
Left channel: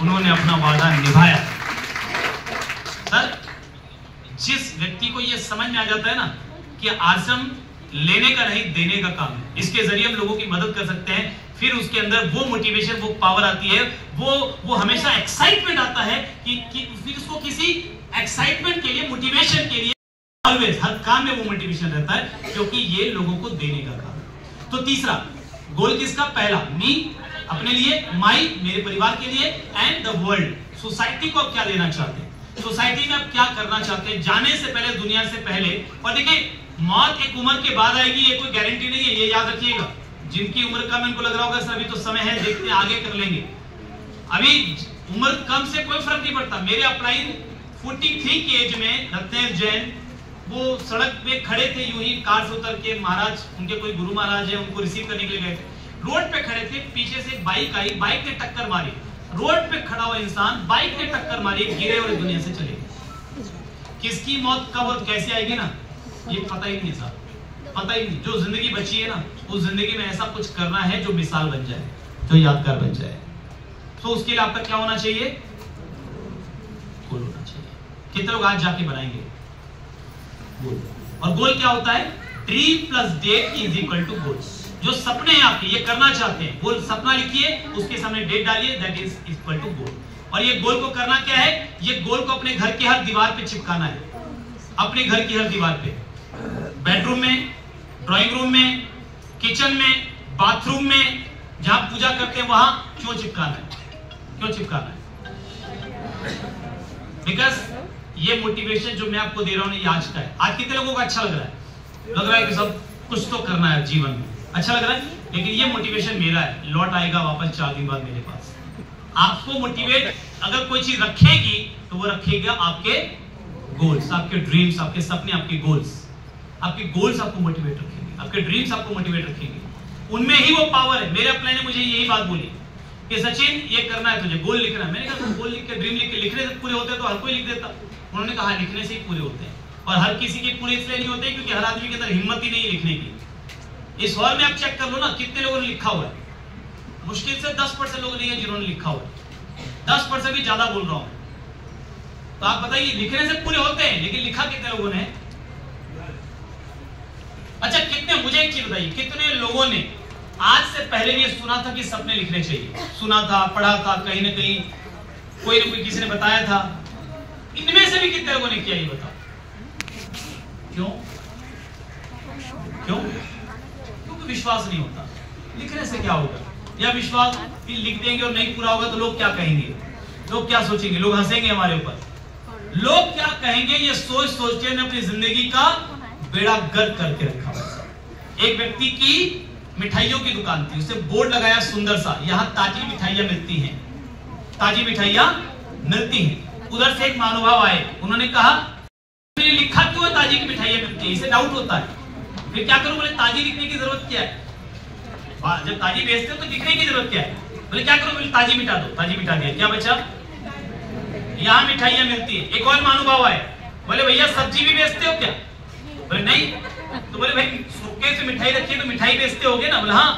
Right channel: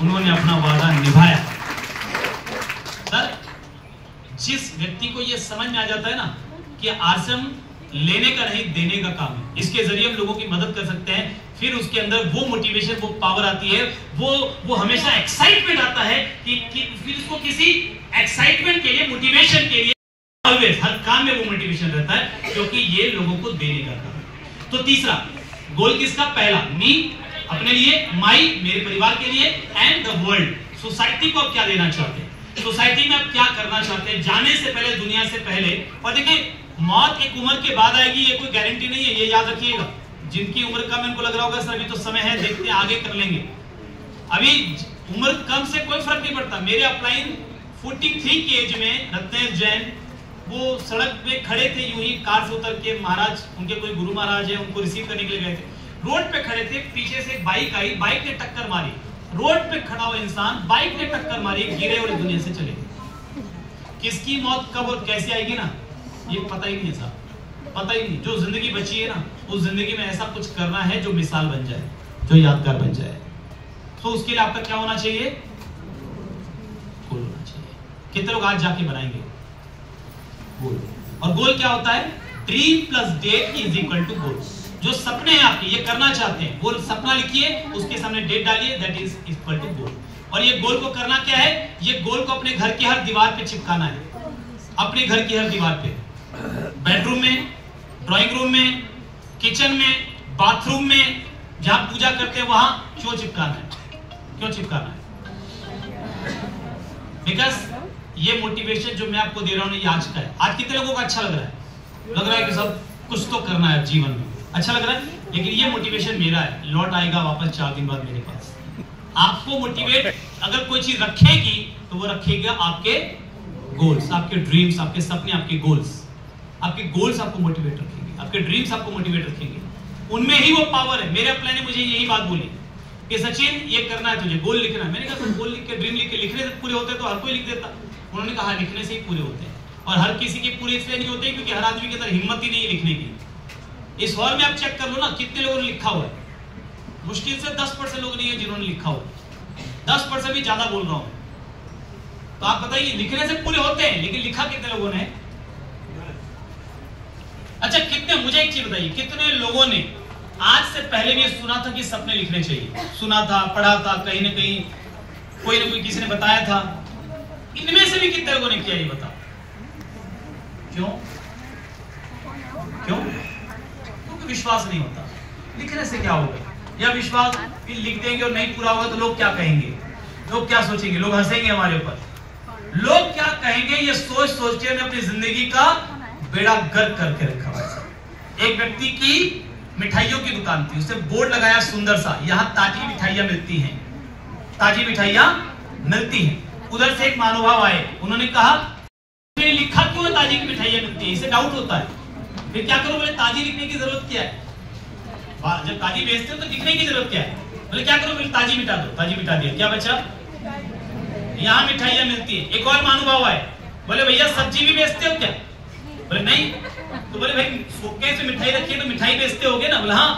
उन्होंने अपना वादा निभाया। सर जिस व्यक्ति को यह समझ में आ जाता है ना कि आरसीएम लेने का नहीं देने का काम है, इसके जरिए हम लोगों की मदद कर सकते हैं, फिर उसके अंदर वो मोटिवेशन, वो पावर आती है, वो हमेशा एक्साइटमेंट आता है कि फिर उसको किसी एक्साइटमेंट के लिए, मोटिवेशन के लिए ऑलवेज हर काम में वो मोटिवेशन रहता है, क्योंकि ये लोगों को देने का काम है। तो तीसरा गोल किसका? पहला मी, अपने लिए, माई, मेरे परिवार के लिए, एंड द वर्ल्ड, सोसाइटी को आप क्या देना चाहते हैं, सोसाइटी में आप क्या करना चाहते हैं, जाने से पहले, दुनिया से पहले। और देखिए मौत एक उम्र के बाद आएगी, ये कोई गारंटी नहीं है, ये याद रखिएगा। जिनकी उम्र कम है उनको लग रहा होगा सर अभी तो समय है, देखते हैं आगे कर लेंगे। अभी उम्र कम से कोई फर्क नहीं पड़ता। मेरे अपलाइन 43 की एज में रत्नेश जैन वो सड़क पे खड़े थे, यूं ही कार से उतर के, महाराज उनके कोई गुरु महाराज है, उनको रिसीव करने के लिए गए थे, रोड पे खड़े थे, पीछे से एक बाइक आई, बाइक ने टक्कर मारी, रोड पे खड़ा हुआ इंसान, बाइक ने टक्कर मारी, गिरे और दुनिया से चले गए। किसकी मौत कब और कैसे आएगी ना, ये पता ही नहीं है साहब, पता ही नहीं। जो जिंदगी बची है ना, उस जिंदगी में ऐसा कुछ करना है जो मिसाल बन जाए, जो यादगार बन जाए। तो उसके लिए आपका क्या होना चाहिए? गोल होना चाहिए। कितने लोग आज जाके बनाएंगे गोल? और गोल क्या होता है? Dream plus date is equal to goal. जो सपने हैं आपके, ये करना चाहते हैं, गोल सपना लिखिए, उसके सामने डेट डालिए, दैट इज इक्वल टू गोल। और ये गोल को करना क्या है? ये गोल को अपने घर की हर दीवार पे चिपकाना है, अपने घर की हर दीवार पे, बेडरूम में, ड्राइंग रूम में, किचन में, बाथरूम में, जहां पूजा करते हैं वहां क्यों चिपकाना है? क्यों चिपकाना है? बिकॉज ये मोटिवेशन जो मैं आपको दे रहा हूं ये आज का है। आज कितने लोगों को अच्छा लग रहा है? लग रहा है कि सब कुछ तो करना है जीवन में, अच्छा लग रहा है। लेकिन ये मोटिवेशन मेरा है, लौट आएगा वापस 4 दिन बाद मेरे पास। आपको मोटिवेट अगर कोई चीज रखेगी तो वो रखेगा आपके गोल्स, आपके ड्रीम्स, आपके सपने, आपके गोल्स। आपके गोल्स आपको मोटिवेट रखेंगे, आपके ड्रीम्स आपको मोटिवेट रखेंगे, उनमें ही वो पावर है। मेरे अपने ने मुझे यही बात बोली कि सचिन ये करना है तुझे, गोल लिखना है। मैंने कहा गोल लिख के, ड्रीम लिख के, लिखने से पूरे होते तो हर कोई लिख देता। उन्होंने कहा लिखने से ही पूरे होते हैं, और हर किसी के पूरे इसलिए नहीं होते क्योंकि हर आदमी के अंदर हिम्मत ही नहीं है लिखने की। इस हॉल में आप चेक कर लो ना, कितने लोगों ने लिखा हुआ है? मुश्किल से 10% लोग नहीं है जिन्होंने लिखा हुआ है। 10% भी ज्यादा बोल रहा हूं। तो आप बताइए, लिखने से पूरे होते हैं, लेकिन लिखा कितने लोगों ने? अच्छा कितने, मुझे एक चीज बताइए, कितने लोगों ने आज से पहले भी सुना था कि सपने लिखने चाहिए? सुना था, पढ़ा था, कहीं ना कहीं कोई ना कोई किसी ने बताया था। इनमें से भी कितने लोगों ने किया ये बताओ? क्यों? क्यों? क्योंकि विश्वास नहीं होता। लिखने से क्या होगा? या विश्वास कि लिख देंगे और नहीं पूरा होगा तो लोग क्या कहेंगे, लोग क्या सोचेंगे, लोग हंसेंगे हमारे ऊपर, लोग क्या कहेंगे, ये सोच सोच के अपनी जिंदगी का बेड़ा गर्क करके रखा हुआ है। एक व्यक्ति की मिठाइयों की दुकान थी, उसने बोर्ड लगाया सुंदर सा, यहाँ ताजी मिठाइयां मिलती हैं, ताजी मिठाइयां मिलती हैं। उधर से एक महानुभाव आए, उन्होंने कहा लिखा क्यों है ताजी की मिठाइयां मिलती है, इसे डाउट होता है। फिर क्या करूं? बोले ताजी लिखने की जरूरत क्या है, जब ताजी बेचते हो तो लिखने की जरूरत क्या है? बोले क्या करूं? बोले ताजी मिटा दो। ताजी मिटा दिया, क्या बचा? यहाँ मिठाइयां मिलती है। एक और महानुभाव आए, बोले भैया सब्जी भी बेचते हो क्या? बोले नहीं। तो बोले भाई सूखे से मिठाई रखी है तो मिठाई बेचते होगे ना? बोले हाँ।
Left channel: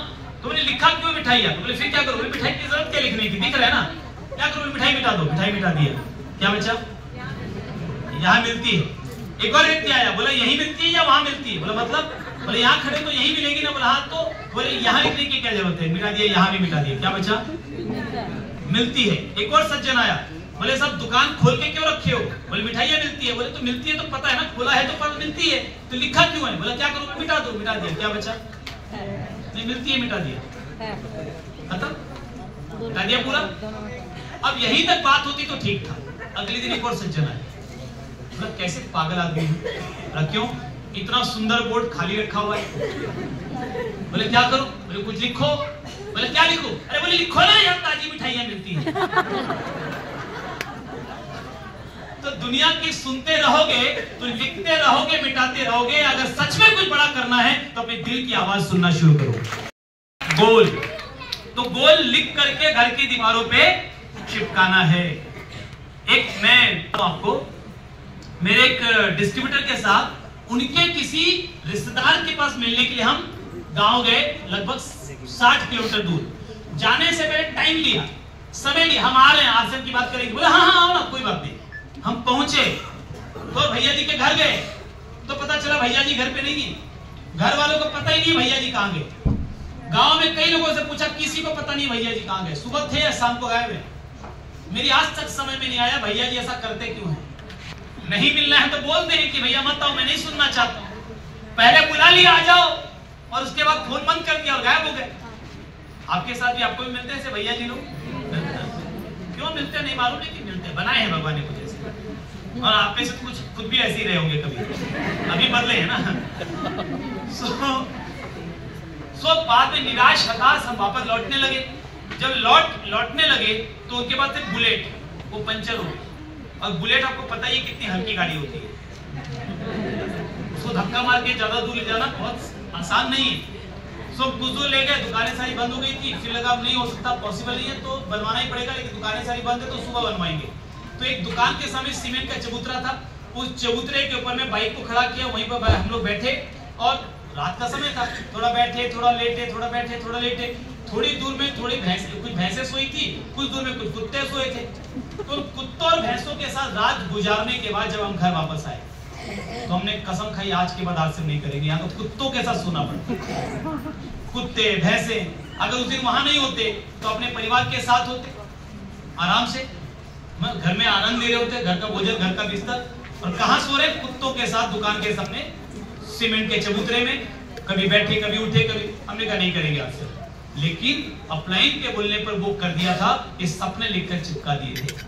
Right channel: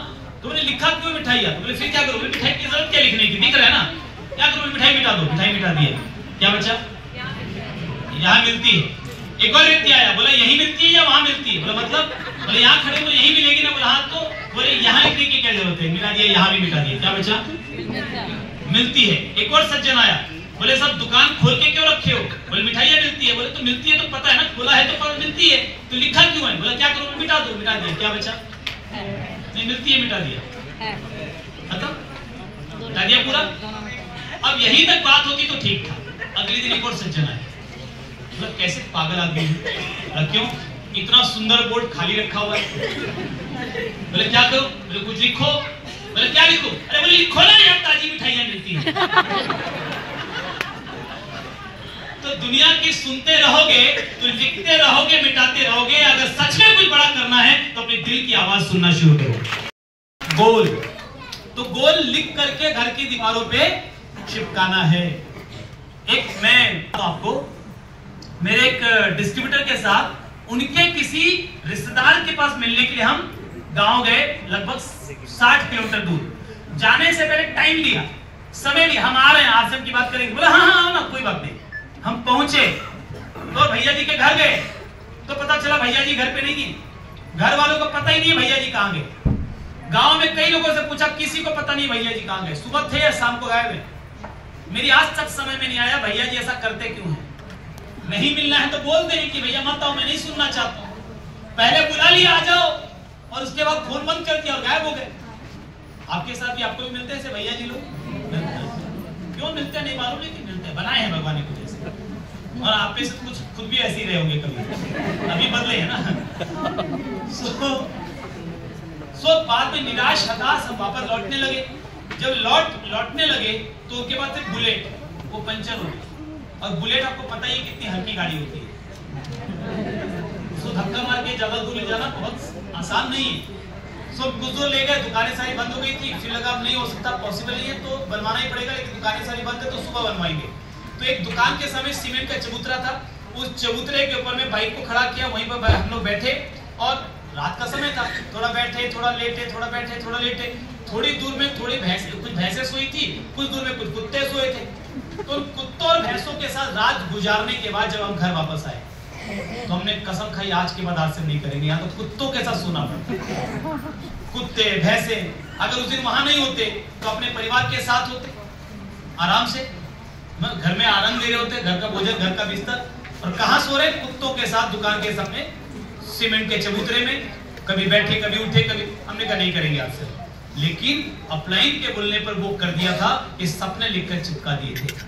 तो बोले लिखा क्यों मिठाइयां? तो बोले फिर क्या करो? बोले मिठाई की जरूरत क्या लिखने की, दिख रहा है ना, क्या करो? मिठाई मिटा दो। मिठाई मिटा दिया, क्या बचा? यहाँ मिलती है। एक और व्यक्ति आया, बोला यही मिलती है या वहां मिलती है? बोला मतलब? बोले यहाँ खड़े तो यही मिलेगी ना? बोला हाँ। तो बोले यहाँ लिखने की क्या जरूरत है, मिटा दिया, यहाँ भी मिटा दिया, क्या बचा? मिलती है। एक और सज्जन आया, बोले सब दुकान खोल के क्यों रखे हो? बोले मिठाइयां मिलती है। बोले तो मिलती है तो पता है ना, खोला है तो पता मिलती है, तो लिखा क्यों है? बोला क्या करूं? मिटा दो। मिटा दिया, क्या बचा? नहीं मिलती है, मिटा दिया, खत्म, मिटा दिया पूरा। अब यहीं तक बात होती तो ठीक था। अगले दिन एक और सज्जन आए, मतलब कैसे पागल आदमी है, क्यों इतना सुंदर बोर्ड खाली रखा हुआ है? बोले क्या करो? बोले कुछ लिखो। बोले क्या लिखो? अरे बोले लिखो ना यार, ताजी मिठाइयां मिलती हैं। तो दुनिया की सुनते रहोगे तो लिखते रहोगे, मिटाते रहोगे। अगर सच में कुछ बड़ा करना है तो अपने दिल की आवाज सुनना शुरू करो। गोल, तो गोल लिख करके घर की दीवारों पे चिपकाना है। एक मैं आपको, मेरे एक डिस्ट्रीब्यूटर के साथ उनके किसी रिश्तेदार के पास मिलने के लिए हम गांव गए, लगभग 60 किलोमीटर दूर। जाने से पहले टाइम लिया, समय लिया, हम आ रहे हैं, आश्रम की बात करेंगे। बोला हाँ हाँ आओ ना, कोई बात नहीं। हम पहुंचे तो भैया जी के घर गए तो पता चला भैया जी घर पे नहीं है। घर वालों को पता ही नहीं भैया जी कहाँ गए। गांव में कई लोगों से पूछा, किसी को पता नहीं भैया जी कहाँ गए, सुबह थे या शाम को गायब है। मेरी आज तक समझ में नहीं आया भैया जी ऐसा करते क्यों है। नहीं मिलना है तो बोल दें कि भैया मत आओ, मैं नहीं सुनना चाहता हूं। पहले बुला लिया आ जाओ और उसके बाद फोन बंद कर दिया और गायब हो गए। आपके साथ भी आपको भी मिलते हैं ऐसे भैया जी लोग? क्यों मिलते हैं नहीं मालूम, लेकिन मिलते हैं, बनाए हैं भगवान ने कुछ ऐसे। और आप में से कुछ खुद भी ऐसे ही रहे होंगे कभी, अभी बदले है ना। सो बाद में निराश हताश हम वापस लौटने लगे। जब लौटने लगे तो उसके बाद फिर बुलेट वो पंचर हो गई। और बुलेट आपको पता ही कितनी हल्की गाड़ी होती है, उसको धक्का मार के ज्यादा दूर ले जाना बहुत आसान नहीं है। सो कुछ दूर ले गए, दुकानें सारी बंद हो गई थी। फिर लगा अब नहीं हो सकता, पॉसिबल नहीं है तो बनवाना ही पड़ेगा, लेकिन दुकानें सारी बंद है तो सुबह बनवाएंगे। तो एक दुकान के सामने सीमेंट का चबूतरा था, उस चबूतरे के ऊपर में बाइक को खड़ा किया, वहीं पर हम लोग बैठे और रात का समय था, थोड़ा बैठे थोड़ा लेटे, थोड़ा बैठे थोड़ा लेटे। थोड़ी दूर में थोड़ी कुछ भैंसें सोई थी, कुछ दूर में कुछ कुत्ते सोए थे। तो कुत्तों और भैंसों के साथ रात गुजारने के बाद जब हम घर वापस आए तो हमने कसम खाई आज के बाद आश्रम नहीं करेंगे, यहाँ तो कुत्तों के साथ सोना पड़ता। कुत्ते भैंसे अगर उस दिन वहां नहीं होते तो अपने परिवार के साथ होते, आराम से घर में आनंद ले रहे होते, घर का भोजन, घर का बिस्तर। और कहाँ सो रहे? कुत्तों के साथ दुकान के सामने सीमेंट के चबूतरे में, कभी बैठे कभी उठे कभी। हमने कहा नहीं करेंगे आपसे, लेकिन अपलाइन के बोलने पर वो कर दिया था कि सपने लिखकर चिपका दिए थे।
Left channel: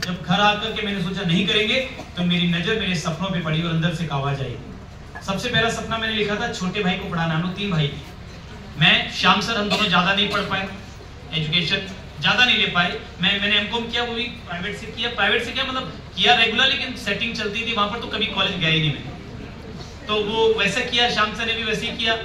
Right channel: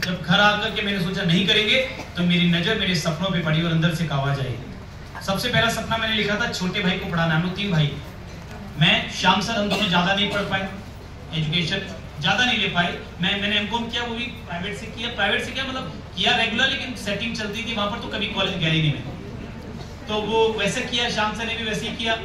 जब घर आकर के मैंने सोचा नहीं करेंगे तो मेरी नजर मेरे सपनों पे पड़ी और अंदर से एक आवाज आई। सबसे पहला सपना मैंने लिखा था छोटे भाई को पढ़ाना। हम लोग 3 भाई, मैं श्याम सर, हम दोनों ज्यादा नहीं पढ़ पाए, एजुकेशन ज्यादा नहीं ले पाए। मैंने एमकॉम किया, वो भी प्राइवेट से किया। प्राइवेट से क्या मतलब किया रेगुलर, लेकिन सेटिंग चलती थी वहां पर, तो कभी कॉलेज गया ही नहीं मैं। तो वो वैसे किया, श्याम सर ने भी वैसे ही किया।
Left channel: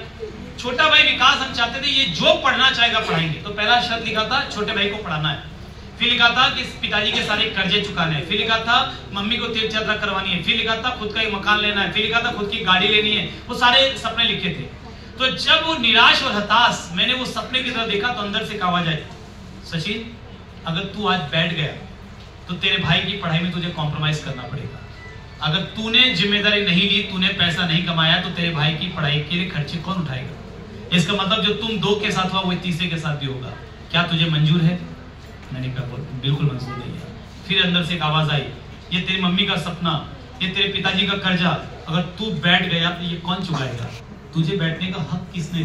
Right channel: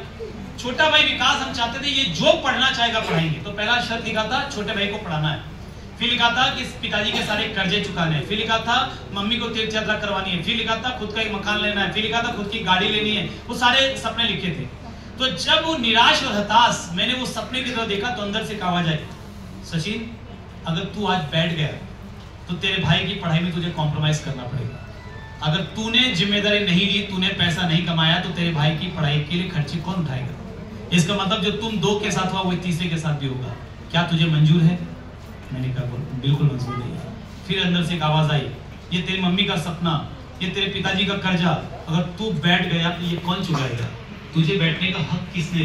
छोटा भाई विकास हम चाहते थे ये जो पढ़ना चाहेगा पढ़ाएंगे, तो पहला शर्त लिखा था छोटे भाई को पढ़ाना है। फिर लिखा था कि पिताजी के सारे कर्जे चुकाने हैं। फिर लिखा था मम्मी को तीर्थ यात्रा करवानी है। फिर लिखा था खुद का एक मकान लेना है। फिर लिखा था खुद की गाड़ी लेनी है। वो सारे सपने लिखे थे। तो जब वो निराश और हताश मैंने वो सपने की तरफ देखा तो अंदर से एक आवाज आई, सचिन अगर तू आज बैठ गया तो तेरे भाई की पढ़ाई में तुझे कॉम्प्रोमाइज करना पड़ेगा। अगर तूने जिम्मेदारी नहीं ली, तूने पैसा नहीं कमाया, तो तेरे भाई की पढ़ाई के लिए खर्चे कौन उठाएगा? इसका मतलब जो तुम 2 के साथ हुआ वही तीसरे के साथ भी होगा। क्या तुझे मंजूर है? मैंने कहा बिल्कुल मंजूर नहीं है। फिर अंदर से एक आवाज आई, ये तेरी मम्मी का सपना, ये तेरे पिताजी का कर्जा, अगर तू बैठ गया तो ये कौन चुकाएगा? तुझे बैठने का हक किसने?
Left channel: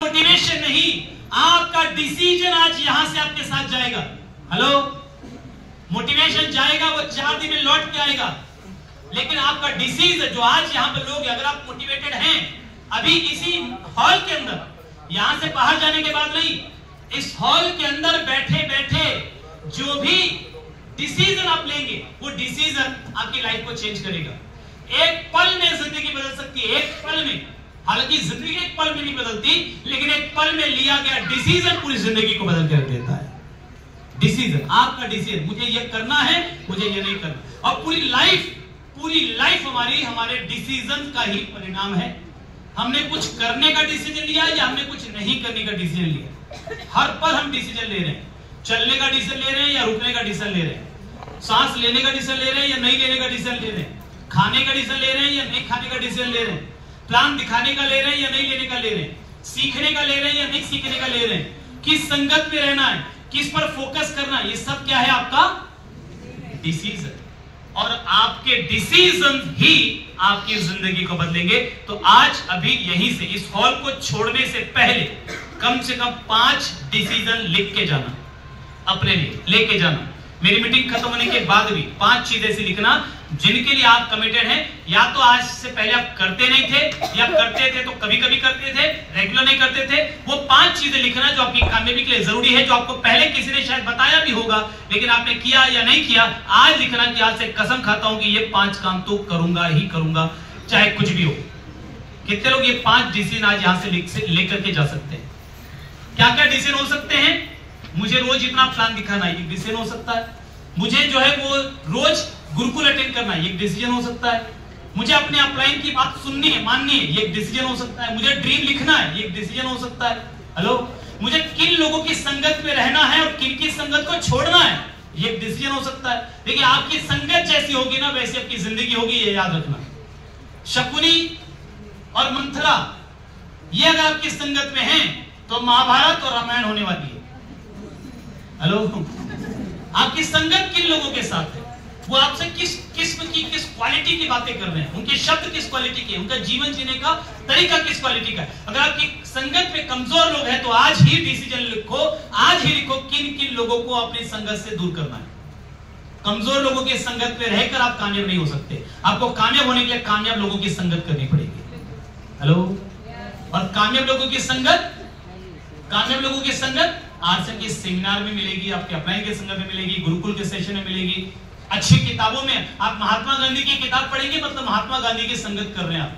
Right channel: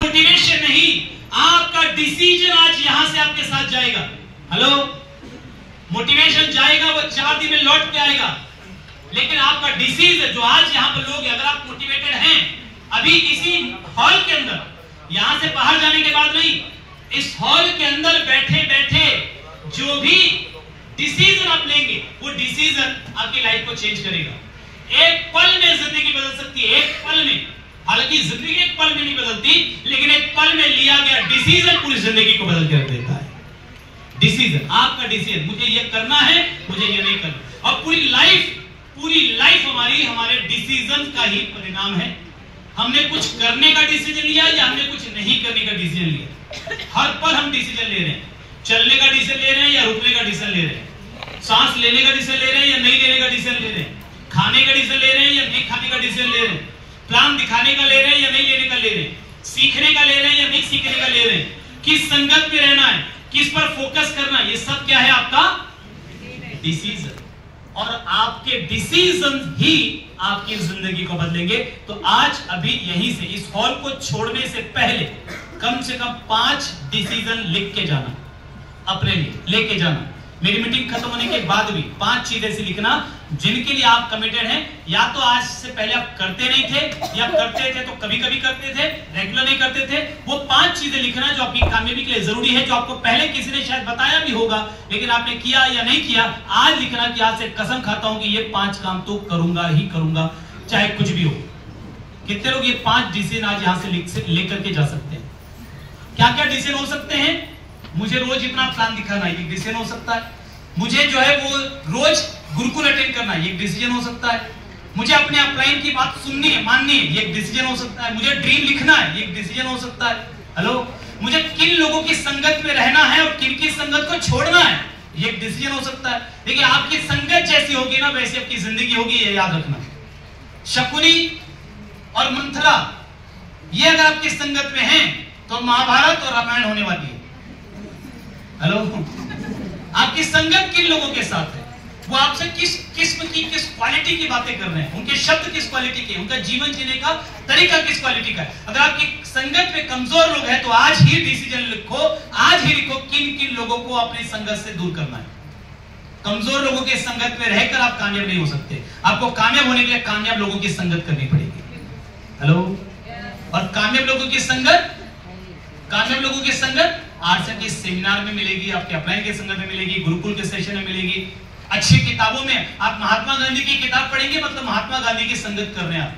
मोटिवेशन नहीं, आपका डिसीजन आज यहां से आपके साथ जाएगा। हेलो, मोटिवेशन जाएगा, वो 4 दिन में लौट के आएगा, लेकिन आपका डिसीजन जो आज यहां पर लोग, अगर आप मोटिवेटेड हैं अभी इसी हॉल के अंदर, यहां से बाहर जाने के बाद नहीं, इस हॉल के अंदर बैठे बैठे जो भी डिसीजन आप लेंगे, वो डिसीजन आपकी लाइफ को चेंज करेगा। एक पल में जिंदगी बदल सकती है, एक पल में। हालांकि जिंदगी एक पल में नहीं बदलती, लेकिन एक पल में लिया गया डिसीजन पूरी जिंदगी को बदल के रख देता है। डिसीजन, आपका डिसीजन, मुझे ये करना है, मुझे ये नहीं करना। और पूरी लाइफ हमारी हमारे डिसीजन का ही परिणाम है। हमने कुछ करने का डिसीजन लिया या हमने कुछ नहीं करने का डिसीजन लिया। हर पल हम डिसीजन ले रहे हैं, चलने का डिसीजन ले रहे हैं या रुकने का डिसीजन ले रहे हैं, सांस लेने का डिसीजन ले रहे हैं या नहीं लेने का डिसीजन ले रहे हैं, खाने का डिसीजन ले रहे हैं या नहीं खाने का डिसीजन ले रहे हैं, प्लान दिखाने का ले रहे हैं या नहीं लेने का ले रहे हैं, सीखने का ले रहे हैं या नहीं सीखने का ले रहे हैं, किस संगत में रहना है, किस पर फोकस करना है, ये सब क्या है? आपका डिसीजन। और आपके डिसीजन ही आपकी जिंदगी को बदलेंगे। तो आज अभी यहीं से, इस हॉल को छोड़ने से पहले कम से कम 5 डिसीजन लिख के जाना, अपने लिए लेके जाना। मेरी मीटिंग खत्म होने के बाद भी 5 चीजें ऐसी लिखना जिनके लिए आप कमिटेड हैं। या तो आज से पहले आप करते नहीं थे, या करते थे तो कभी कभी करते थे, रेगुलर नहीं करते थे। वो 5 चीजें लिखना जो आपकी कामयाबी के लिए जरूरी है, जो आपको पहले किसी ने शायद बताया भी होगा लेकिन आपने किया या नहीं किया। आज लिखना कि आज से कसम खाता हूं कि ये 5 काम तो करूंगा ही करूंगा, चाहे कुछ भी हो। कितने लोग ये 5 डिसीजन आज यहां से लेकर के जा सकते हैं? क्या क्या डिसीजन हो सकते हैं? मुझे रोज इतना प्लान दिखाना, एक डिसीजन हो सकता है। मुझे जो है वो रोज गुरुकुल अटेंड करना, ये एक डिसीजन हो सकता है। मुझे अपने अपलाइन की बात सुननी है, माननी है, ये एक डिसीजन हो सकता है। मुझे ड्रीम लिखना है, ये एक डिसीजन हो सकता है। हेलो, मुझे किन लोगों की संगत में रहना है और किन की संगत को छोड़ना है, ये एक डिसीजन हो सकता है। देखिए, आपकी संगत जैसी होगी ना, वैसी आपकी जिंदगी होगी, ये याद रखना। शकुनी और मंथरा, ये अगर आपकी संगत में हैं तो महाभारत और रामायण होने वाली है। हेलो, आपकी संगत किन लोगों के साथ है, वो आपसे किस किस्म की, किस क्वालिटी की बातें कर रहे हैं, उनके शब्द किस क्वालिटी के, उनका जीवन जीने का तरीका किस क्वालिटी का है। अगर आपकी संगत में कमजोर लोग हैं तो आज ही डिसीजन लिखो, आज ही लिखो किन किन लोगों को अपनी संगत से दूर करना है। कमजोर लोगों के संगत में रहकर आप कामयाब नहीं हो सकते। आपको कामयाब होने के लिए कामयाब लोगों की संगत करनी पड़ेगी। हेलो, और कामयाब लोगों की संगत, कामयाब लोगों की संगत आरएसएम के सेमिनार में मिलेगी, आपके अपलाइन के संगत में मिलेगी, गुरुकुल के सेशन में मिलेगी। अच्छी किताबों में आप महात्मा गांधी की किताब पढ़ेंगे, मतलब महात्मा गांधी की संगत कर रहे हैं आप।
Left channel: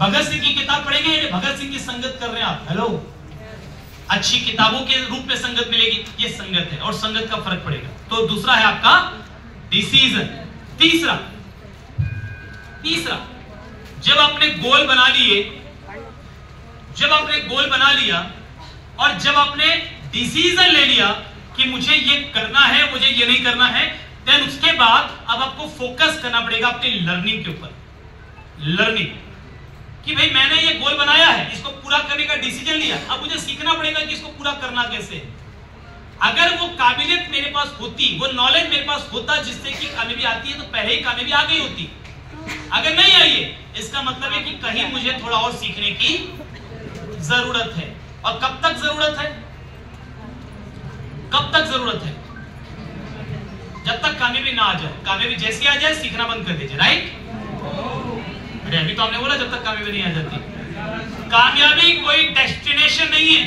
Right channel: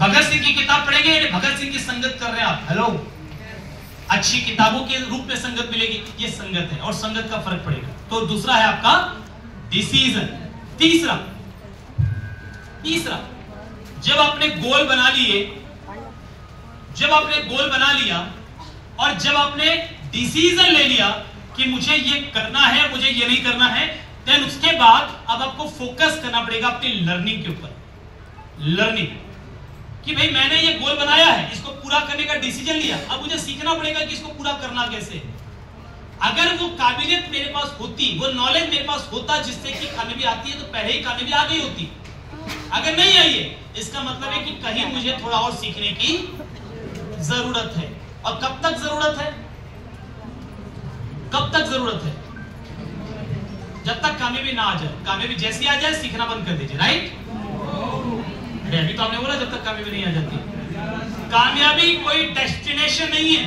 भगत सिंह की किताब पढ़ेंगे, भगत सिंह की संगत कर रहे हैं आप। हेलो, अच्छी किताबों के रूप में संगत मिलेगी, ये संगत है, और संगत का फर्क पड़ेगा। तो दूसरा है आपका डिसीजन। तीसरा, जब आपने गोल बना लिए, जब आपने गोल बना लिया और जब आपने डिसीजन ले लिया कि मुझे ये करना है, मुझे ये नहीं करना है, देन उसके बाद अब आपको फोकस करना पड़ेगा अपनी लर्निंग के ऊपर। लर्निंग कि भाई मैंने ये गोल बनाया है, इसको पूरा करने का डिसीजन लिया, अब मुझे सीखना पड़ेगा कि इसको पूरा करना कैसे। अगर वो काबिलियत मेरे पास होती, वो नॉलेज मेरे पास होता जिससे कि कामयाबी आती है, तो पहले ही कामयाबी आ गई होती। अगर नहीं आई है, इसका मतलब है कि कहीं मुझे थोड़ा और सीखने की जरूरत है। और कब तक जरूरत है? कब तक जरूरत है? जब तक कामयाबी ना आ जाए। कामयाबी जैसी आ जाए सीखना बंद कर दीजिए, राइट? अरे अभी तो आपने बोला जब तक कामयाबी नहीं आ जाती। कामयाबी कोई डेस्टिनेशन नहीं है,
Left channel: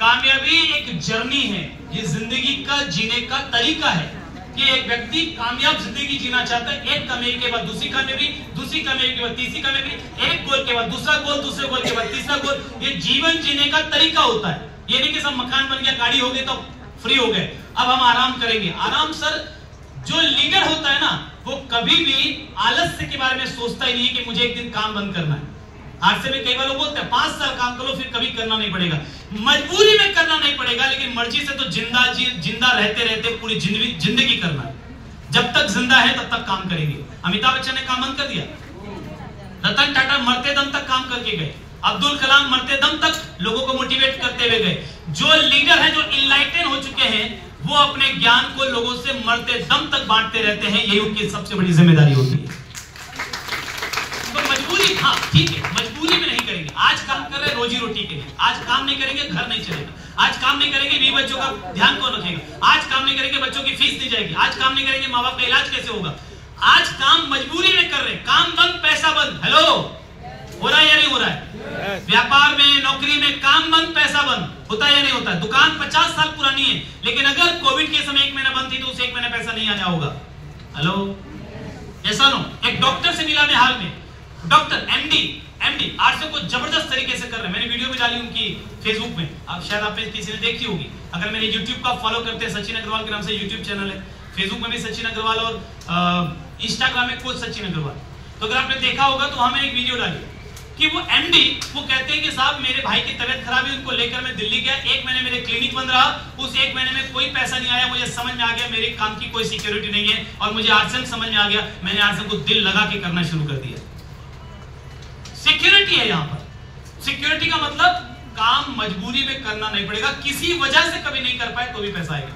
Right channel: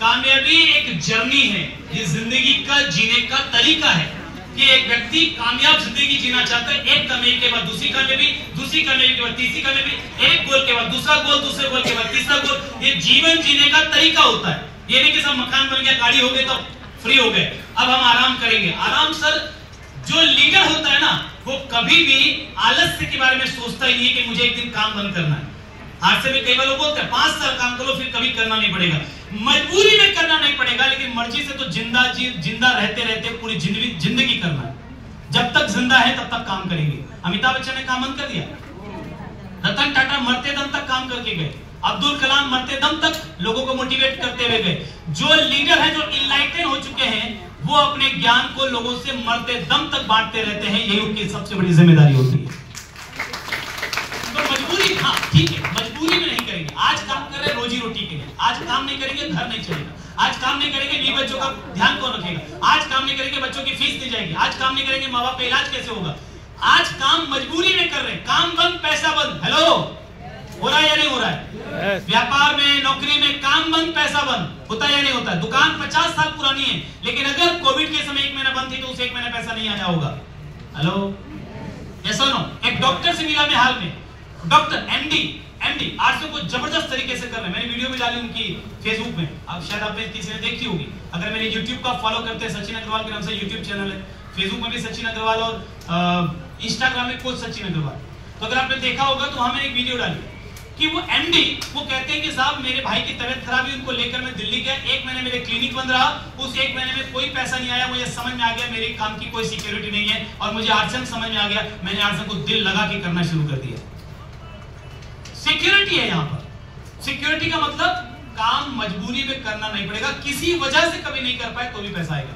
कामयाबी एक जर्नी है। ये जिंदगी का जीने का तरीका है कि एक व्यक्ति कामयाब जिंदगी जीना चाहता है। एक कामयाबी के बाद दूसरी कामयाबी, दूसरी कामयाबी के बाद तीसरी कामयाबी, एक गोल के बाद दूसरा गोल, दूसरे गोल के बाद तीसरा गोल। ये जीवन जीने का तरीका होता है। ये नहीं कि सब मकान बन गया, गाड़ी हो गई तो फ्री हो गए, अब हम आराम करेंगे। आराम सर, जो लीडर होता है ना, वो कभी भी आलस्य के बारे में सोचता ही नहीं है कि मुझे एक दिन काम बंद करना है। आज से भी कई बार लोग बोलते हैं 5 साल काम करो फिर कभी करना नहीं पड़ेगा। मजबूरी में करना नहीं पड़ेगा, लेकिन मर्जी से तो जिंदा रहते रहते पूरी जिंदगी करना है। जब तक जिंदा है तब तक काम करेंगे। अमिताभ बच्चन ने काम बंद कर दिया, रतन टाटा मरते दम तक काम करके गए, अब्दुल कलाम मरते दम तक लोगों को मोटिवेट करते हुए गए। जो लीडर हैं, जो इनलाइटन हो चुके हैं, वो अपने ज्ञान को लोगों से मरते दम तक बांटते रहते हैं, यही उनकी सबसे बड़ी जिम्मेदारी होती है। तो मजबूरी, हाँ ठीक है, मजबूरी में नहीं करेंगे। आज काम कर रहे हैं रोजी रोटी के लिए, आज काम नहीं करेंगे घर नहीं चलेगा, आज काम नहीं करेंगे नहीं बच्चों का ध्यान कौन रखेगा, आज काम नहीं करेंगे बच्चों की फीस नहीं जाएगी, आज काम नहीं करेंगे माँ बाप का इलाज कैसे होगा। आज काम मजबूरी में कर रहे हैं, काम बंद पैसा बंद। हेलो, हो रहा है या नहीं हो रहा है? व्यापार में, नौकरी में काम बंद पैसा बंद होता है या नहीं होता है? दुकान 50 साल पुरानी है, लेकिन अगर कोविड के समय 1 महीना बंद थी तो उसे 1 महीना पैसा नहीं आना होगा। हेलो, ऐसा नो। एक डॉक्टर से मिला मैं हाल में, डॉक्टर एमडी 800 को जबरदस्त तरीके से कर रहे हैं। मैंने वीडियो भी डाली उनकी फेसबुक में, अब शायद आपने किसी ने देखी होगी। अगर मेरे यूट्यूब का फॉलो करते हैं, सचिन अग्रवाल के नाम से यूट्यूब चैनल है, फेसबुक में भी सचिन अग्रवाल और इंस्टाग्राम में कोच सचिन अग्रवाल। तो अगर आपने देखा होगा तो वहां मैंने एक वीडियो डाली कि वो एमडी वो कहते हैं कि साहब मेरे भाई की तबीयत खराब है, उनको लेकर मैं दिल्ली गया, 1 महीने मेरे क्लिनिक बंद रहा, उस 1 महीने में कोई पैसा नहीं आया। मुझे समझ में आ गया मेरे काम की कोई सिक्योरिटी नहीं है, और मुझे आर्ट्सन समझ में आ गया, मैंने आर्ट्सन को दिल लगा के करना शुरू कर दिया। सिक्योरिटी है यहाँ पर। सिक्योरिटी का मतलब काम मजबूरी में करना नहीं पड़ेगा, किसी वजह से कभी नहीं कर पाए तो भी पैसा आएगा,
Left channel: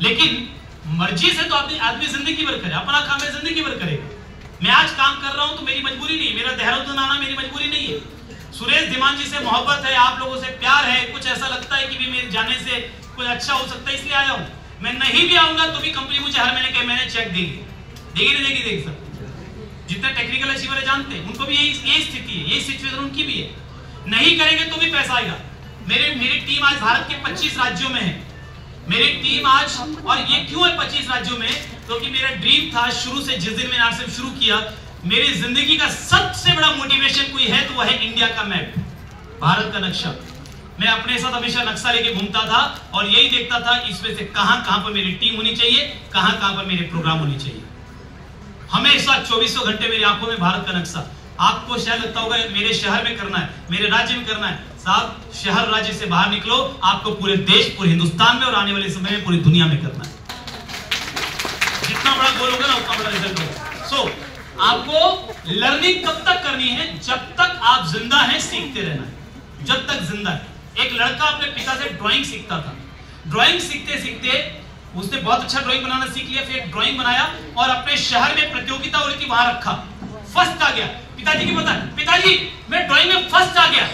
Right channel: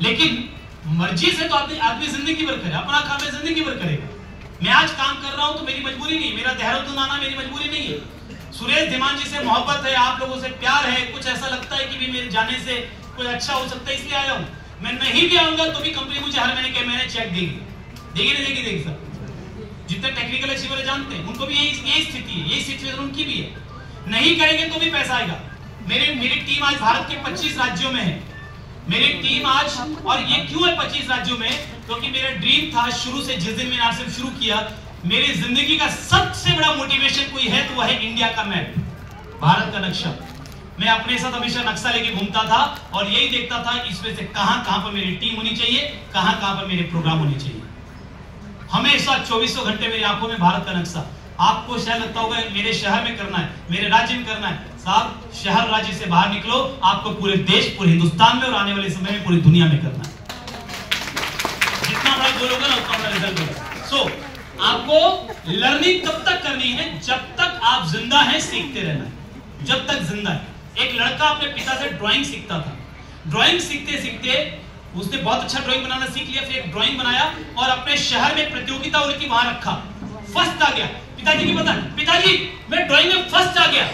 लेकिन मर्जी से तो आदमी जिंदगी भर करे, अपना काम है जिंदगी भर करेगा। मैं आज काम कर रहा हूं तो मेरी मजबूरी नहीं, मेरा देहरादून आना मेरी मजबूरी नहीं है। सुरेश धीमान जी से मोहब्बत है, आप लोगों से प्यार है, कुछ ऐसा लगता है कि भी मेरे जाने से कुछ अच्छा हो सकता है, इसलिए आया हूं। मैं नहीं भी आऊंगा तो भी कंपनी मुझे हर महीने के महीने चेक देगी नहीं देगी, देख सकते। जितने टेक्निकल अचीवर जानते हैं उनको भी यही स्थिति है, यही सिचुएशन उनकी भी है। नहीं करेंगे तो भी पैसा आएगा। मेरी टीम आज भारत के 25 राज्यों में है, मेरी टीम आज, और ये क्यों है 25 राज्यों में? क्योंकि मेरा ड्रीम था शुरू से, जिस दिन मैंने आरसीएम शुरू किया, मेरी जिंदगी का सबसे बड़ा मोटिवेशन कोई है तो वह है इंडिया का मैप, भारत का नक्शा। मैं अपने साथ हमेशा नक्शा लेके घूमता था और यही देखता था इसमें से कहां पर मेरी टीम होनी चाहिए, कहां पर मेरे प्रोग्राम होने चाहिए। हमेशा 24 घंटे मेरी आंखों में भारत का नक्शा। आपको शायद लगता होगा मेरे शहर में करना है, मेरे राज्य में करना है। साहब, शहर राज्य से बाहर निकलो, आपको पूरे देश, पूरे हिंदुस्तान में और आने वाले समय में पूरी दुनिया में करना है। जितना बड़ा गोल होगा ना उतना बड़ा रिजल्ट होगा। सो आपको लर्निंग कब तक करनी है? जब तक आप जिंदा हैं, सीखते रहना है, जब तक जिंदा है। एक लड़का अपने पिता से ड्राइंग सीखता था, ड्राइंग सीखते सीखते उसने बहुत अच्छा ड्राइंग बनाना सीख लिया, फिर एक ड्राइंग बनाया और अपने शहर में प्रतियोगिता हो रही थी, वहां रखा, फर्स्ट आ गया। पिताजी की पता, पिताजी मैं ड्राइंग में फर्स्ट आ गया।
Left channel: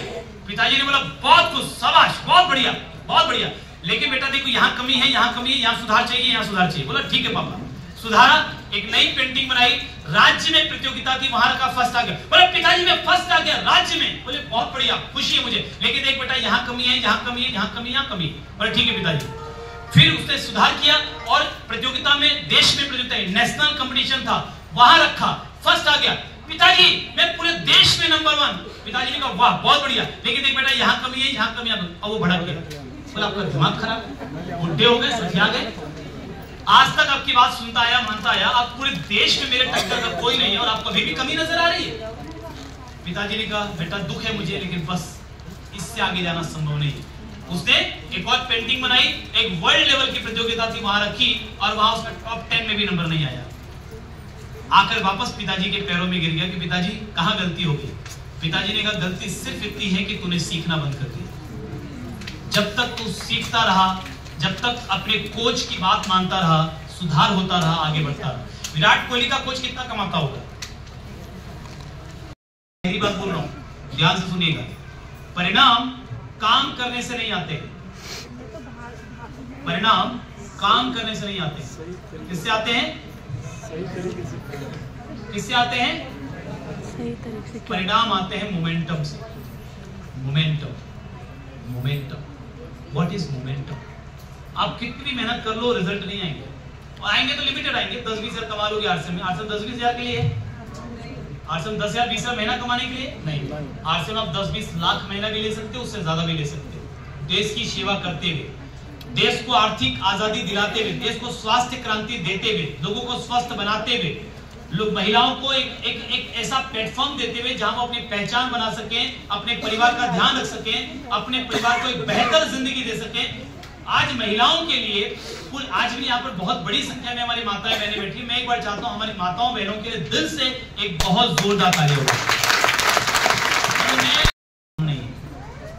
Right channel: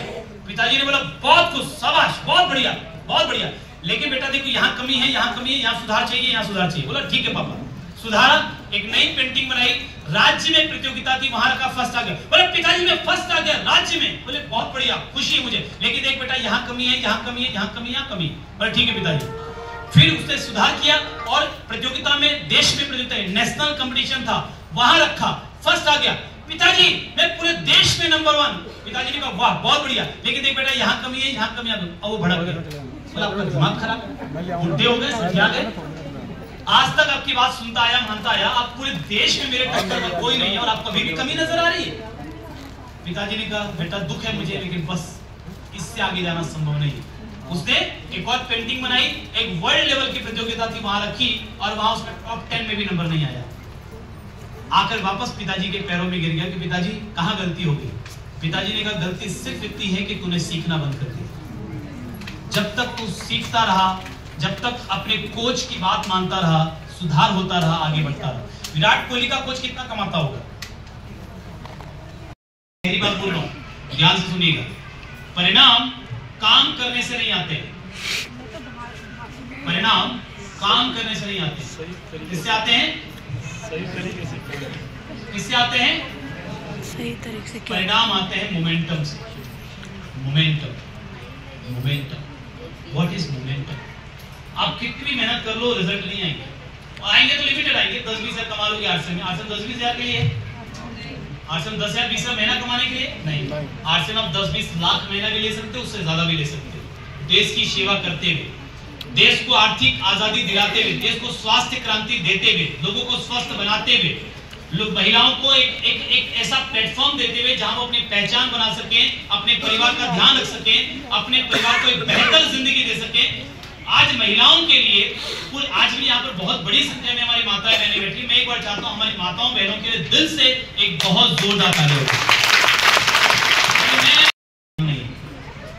पिताजी ने बोला बहुत कुछ, शाबाश, बहुत बढ़िया, बहुत बढ़िया, लेकिन बेटा देखो यहाँ कमी है, यहाँ कमी है, यहाँ सुधार चाहिए, यहाँ सुधार चाहिए। बोला ठीक है पापा, सुधारा, एक नई पेंटिंग बनाई, राज्य में प्रतियोगिता थी, वहां रखा, फर्स्ट आ गया। बोले पिताजी मैं फर्स्ट आ गया राज्य में। बोले बहुत बढ़िया, खुशी है मुझे, लेकिन देख बेटा यहाँ कमी है, यहाँ कमी है, यहाँ कमी, यहाँ कमी। बोले ठीक है पिताजी। फिर उसने सुधार किया और प्रतियोगिता में, देश में प्रतियोगिता, नेशनल कंपटीशन था, वहां रखा, फर्स्ट आ गया। पिताजी मैं पूरे देश में नंबर 1। पिताजी ने कहा वाह बहुत बढ़िया, लेकिन देख बेटा यहाँ कमी है, यहाँ कमी है। अब वो भड़क गया, बोला आपका दिमाग खराब है, बुढ़े हो गए, समझा गए, आज तक आपकी बात सुनता आया, मानता आया, आप पूरे देश में मेरे टक्कर का कोई नहीं है और आपको अभी भी कमी नजर आ रही है। पिताजी ने कहा बेटा दुख है मुझे, लेकिन बस इससे आगे जाना संभव नहीं है। उसने एक और पेंटिंग बनाई, एक वर्ल्ड लेवल की प्रतियोगिता थी, वहां रखी और वहां उसका टॉप 10 में भी नंबर नहीं आया। आकर वापस पिताजी के पैरों में गिर गया कि पिताजी कहां गलती होगी। पिताजी ने कहा गलती सिर्फ इतनी है कि तूने सीखना बंद कर दिया। जब तक तू सीखता रहा, जब तक अपने कोच की बात मानता रहा, सुधार होता रहा, आगे बढ़ता रहा। विराट कोहली का कोच कितना कमाता होगा? मेरी बात बोल रहा हूं, ध्यान से सुनिएगा। परिणाम काम करने से नहीं आते, परिणाम काम करने से नहीं आते। किससे आते हैं? किससे आते हैं? सही तरीके से। परिणाम आते हैं मोमेंटम से। Momentum, momentum, what is momentum? आप कितनी मेहनत कर लो, रिजल्ट नहीं आएंगे, और आएंगे तो लिमिटेड आएंगे। 10-20 हजार कमा लोगे आरसीएम में। आरसीएम 10-20 हजार के लिए, आरसीएम 10,000-20 हजार महीना कमाने के लिए नहीं। आरसीएम आप 10-20 लाख महीना भी ले सकते हो, उससे ज्यादा भी ले सकते हो। देश की सेवा करते हुए, देश को आर्थिक आजादी दिलाते हुए, देश को स्वास्थ्य क्रांति देते हुए, लोगों को स्वस्थ बनाते हुए, लोग महिलाओं को एक ऐसा प्लेटफॉर्म देते हुए जहां वो अपनी पहचान बना सकें, अपने परिवार का ध्यान रख सकें, अपने परिवार को एक बेहतर जिंदगी दे सकें। आज महिलाओं के लिए, आज भी यहाँ पर बहुत बड़ी संख्या में हमारी माताएं बहनें बैठी। मैं एक बार चाहता हूँ हमारी माताओं बहनों के लिए दिल से एक बहुत जोरदार ताली हो।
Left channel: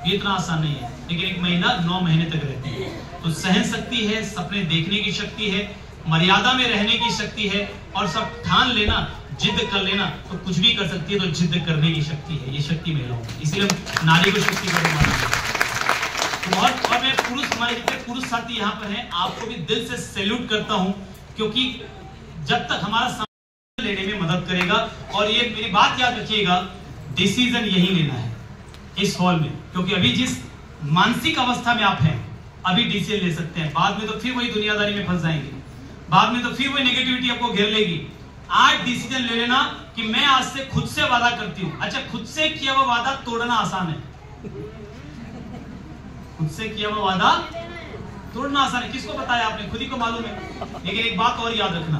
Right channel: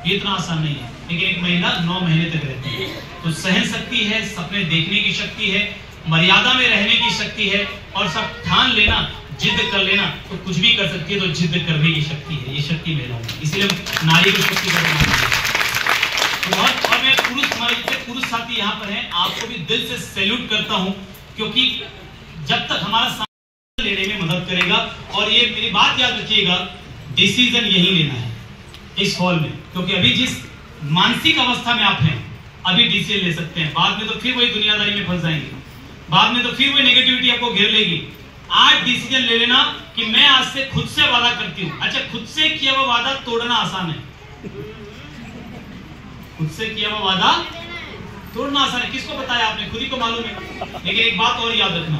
ये इतना आसान नहीं है। लेकिन एक महिला 9 महीने तक रहती है, तो सहन शक्ति है, सपने देखने की शक्ति है, मर्यादा में रहने की शक्ति है, और सब ठान लेना, जिद कर लेना तो कुछ भी कर सकती है। तो जिद करने की शक्ति है, ये शक्ति महिलाओं की, इसलिए नारी को शक्ति का मानते हैं। और मैं पुरुष, हमारे पुरुष साथी यहाँ पर हैं, आपको भी दिल से सैल्यूट करता हूँ, क्योंकि जब तक हमारा समाज लेने में मदद करेगा। और ये मेरी बात याद रखिएगा, डिसीजन यही लेना है इस हॉल में, क्योंकि अभी जिस मानसिक अवस्था में आप हैं, अभी डिसीजन ले सकते हैं। बाद में तो फिर वही दुनियादारी में फंस जाएंगे, बाद में तो फिर वही नेगेटिविटी आपको घेर लेगी। आज डिसीजन ले लेना कि मैं आज से खुद से वादा करती हूं। अच्छा, खुद से किया हुआ वादा तोड़ना आसान है, खुद से किया हुआ वादा तोड़ना आसान है। किसको बताया आपने? खुद ही को मालूम है। लेकिन एक बात और याद रखना,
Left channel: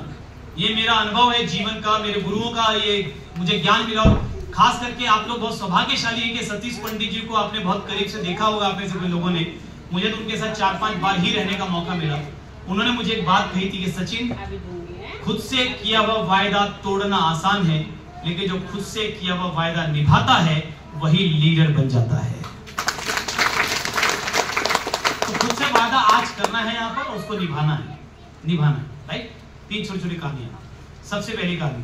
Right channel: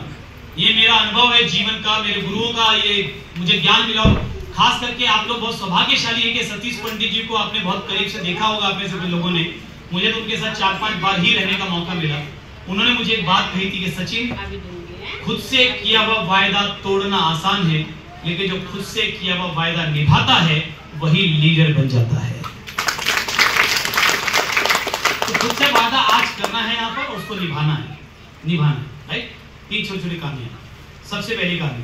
ये मेरा अनुभव है जीवन का, मेरे गुरुओं का ये मुझे ज्ञान मिला। खास करके आप लोग बहुत सौभाग्यशाली है कि सतीश पंडित जी को आपने बहुत करीब से देखा होगा, अपने सभी लोगों ने। मुझे तो उनके साथ 4-5 बार ही रहने का मौका मिला। उन्होंने मुझे एक बात कही थी कि सचिन, खुद से किया हुआ वायदा तोड़ना आसान है, लेकिन जो खुद से किया हुआ वायदा निभाता है वही लीडर बन जाता है। तो खुद से वादा आज करना है यहाँ पर, और उसको निभाना है, राइट। 3 छोटी-छोटी कहानियां। सबसे पहली कहानी,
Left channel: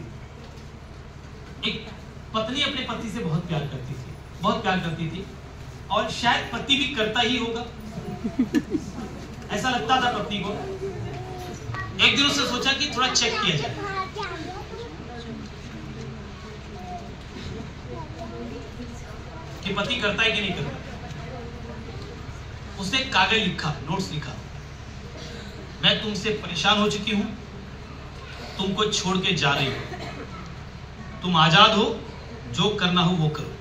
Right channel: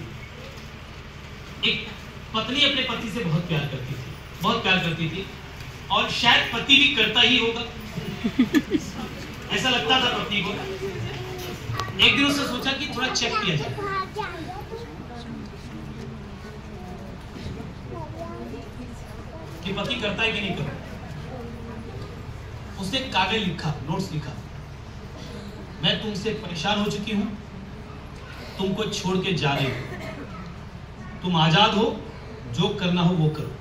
एक पत्नी अपने पति से बहुत प्यार करती थी, और शायद पति भी करता ही होगा, ऐसा लगता था पत्नी को। एक दिन उसने सोचा कि थोड़ा चेक किया जाए, कि पति करता है कि नहीं करता। उसने कागज लिखा, नोट्स लिखा, मैं तुमसे परेशान हो चुकी हूं, तुमको छोड़ के जा रही हूं, तुम आजाद हो, जो करना हो वो करो।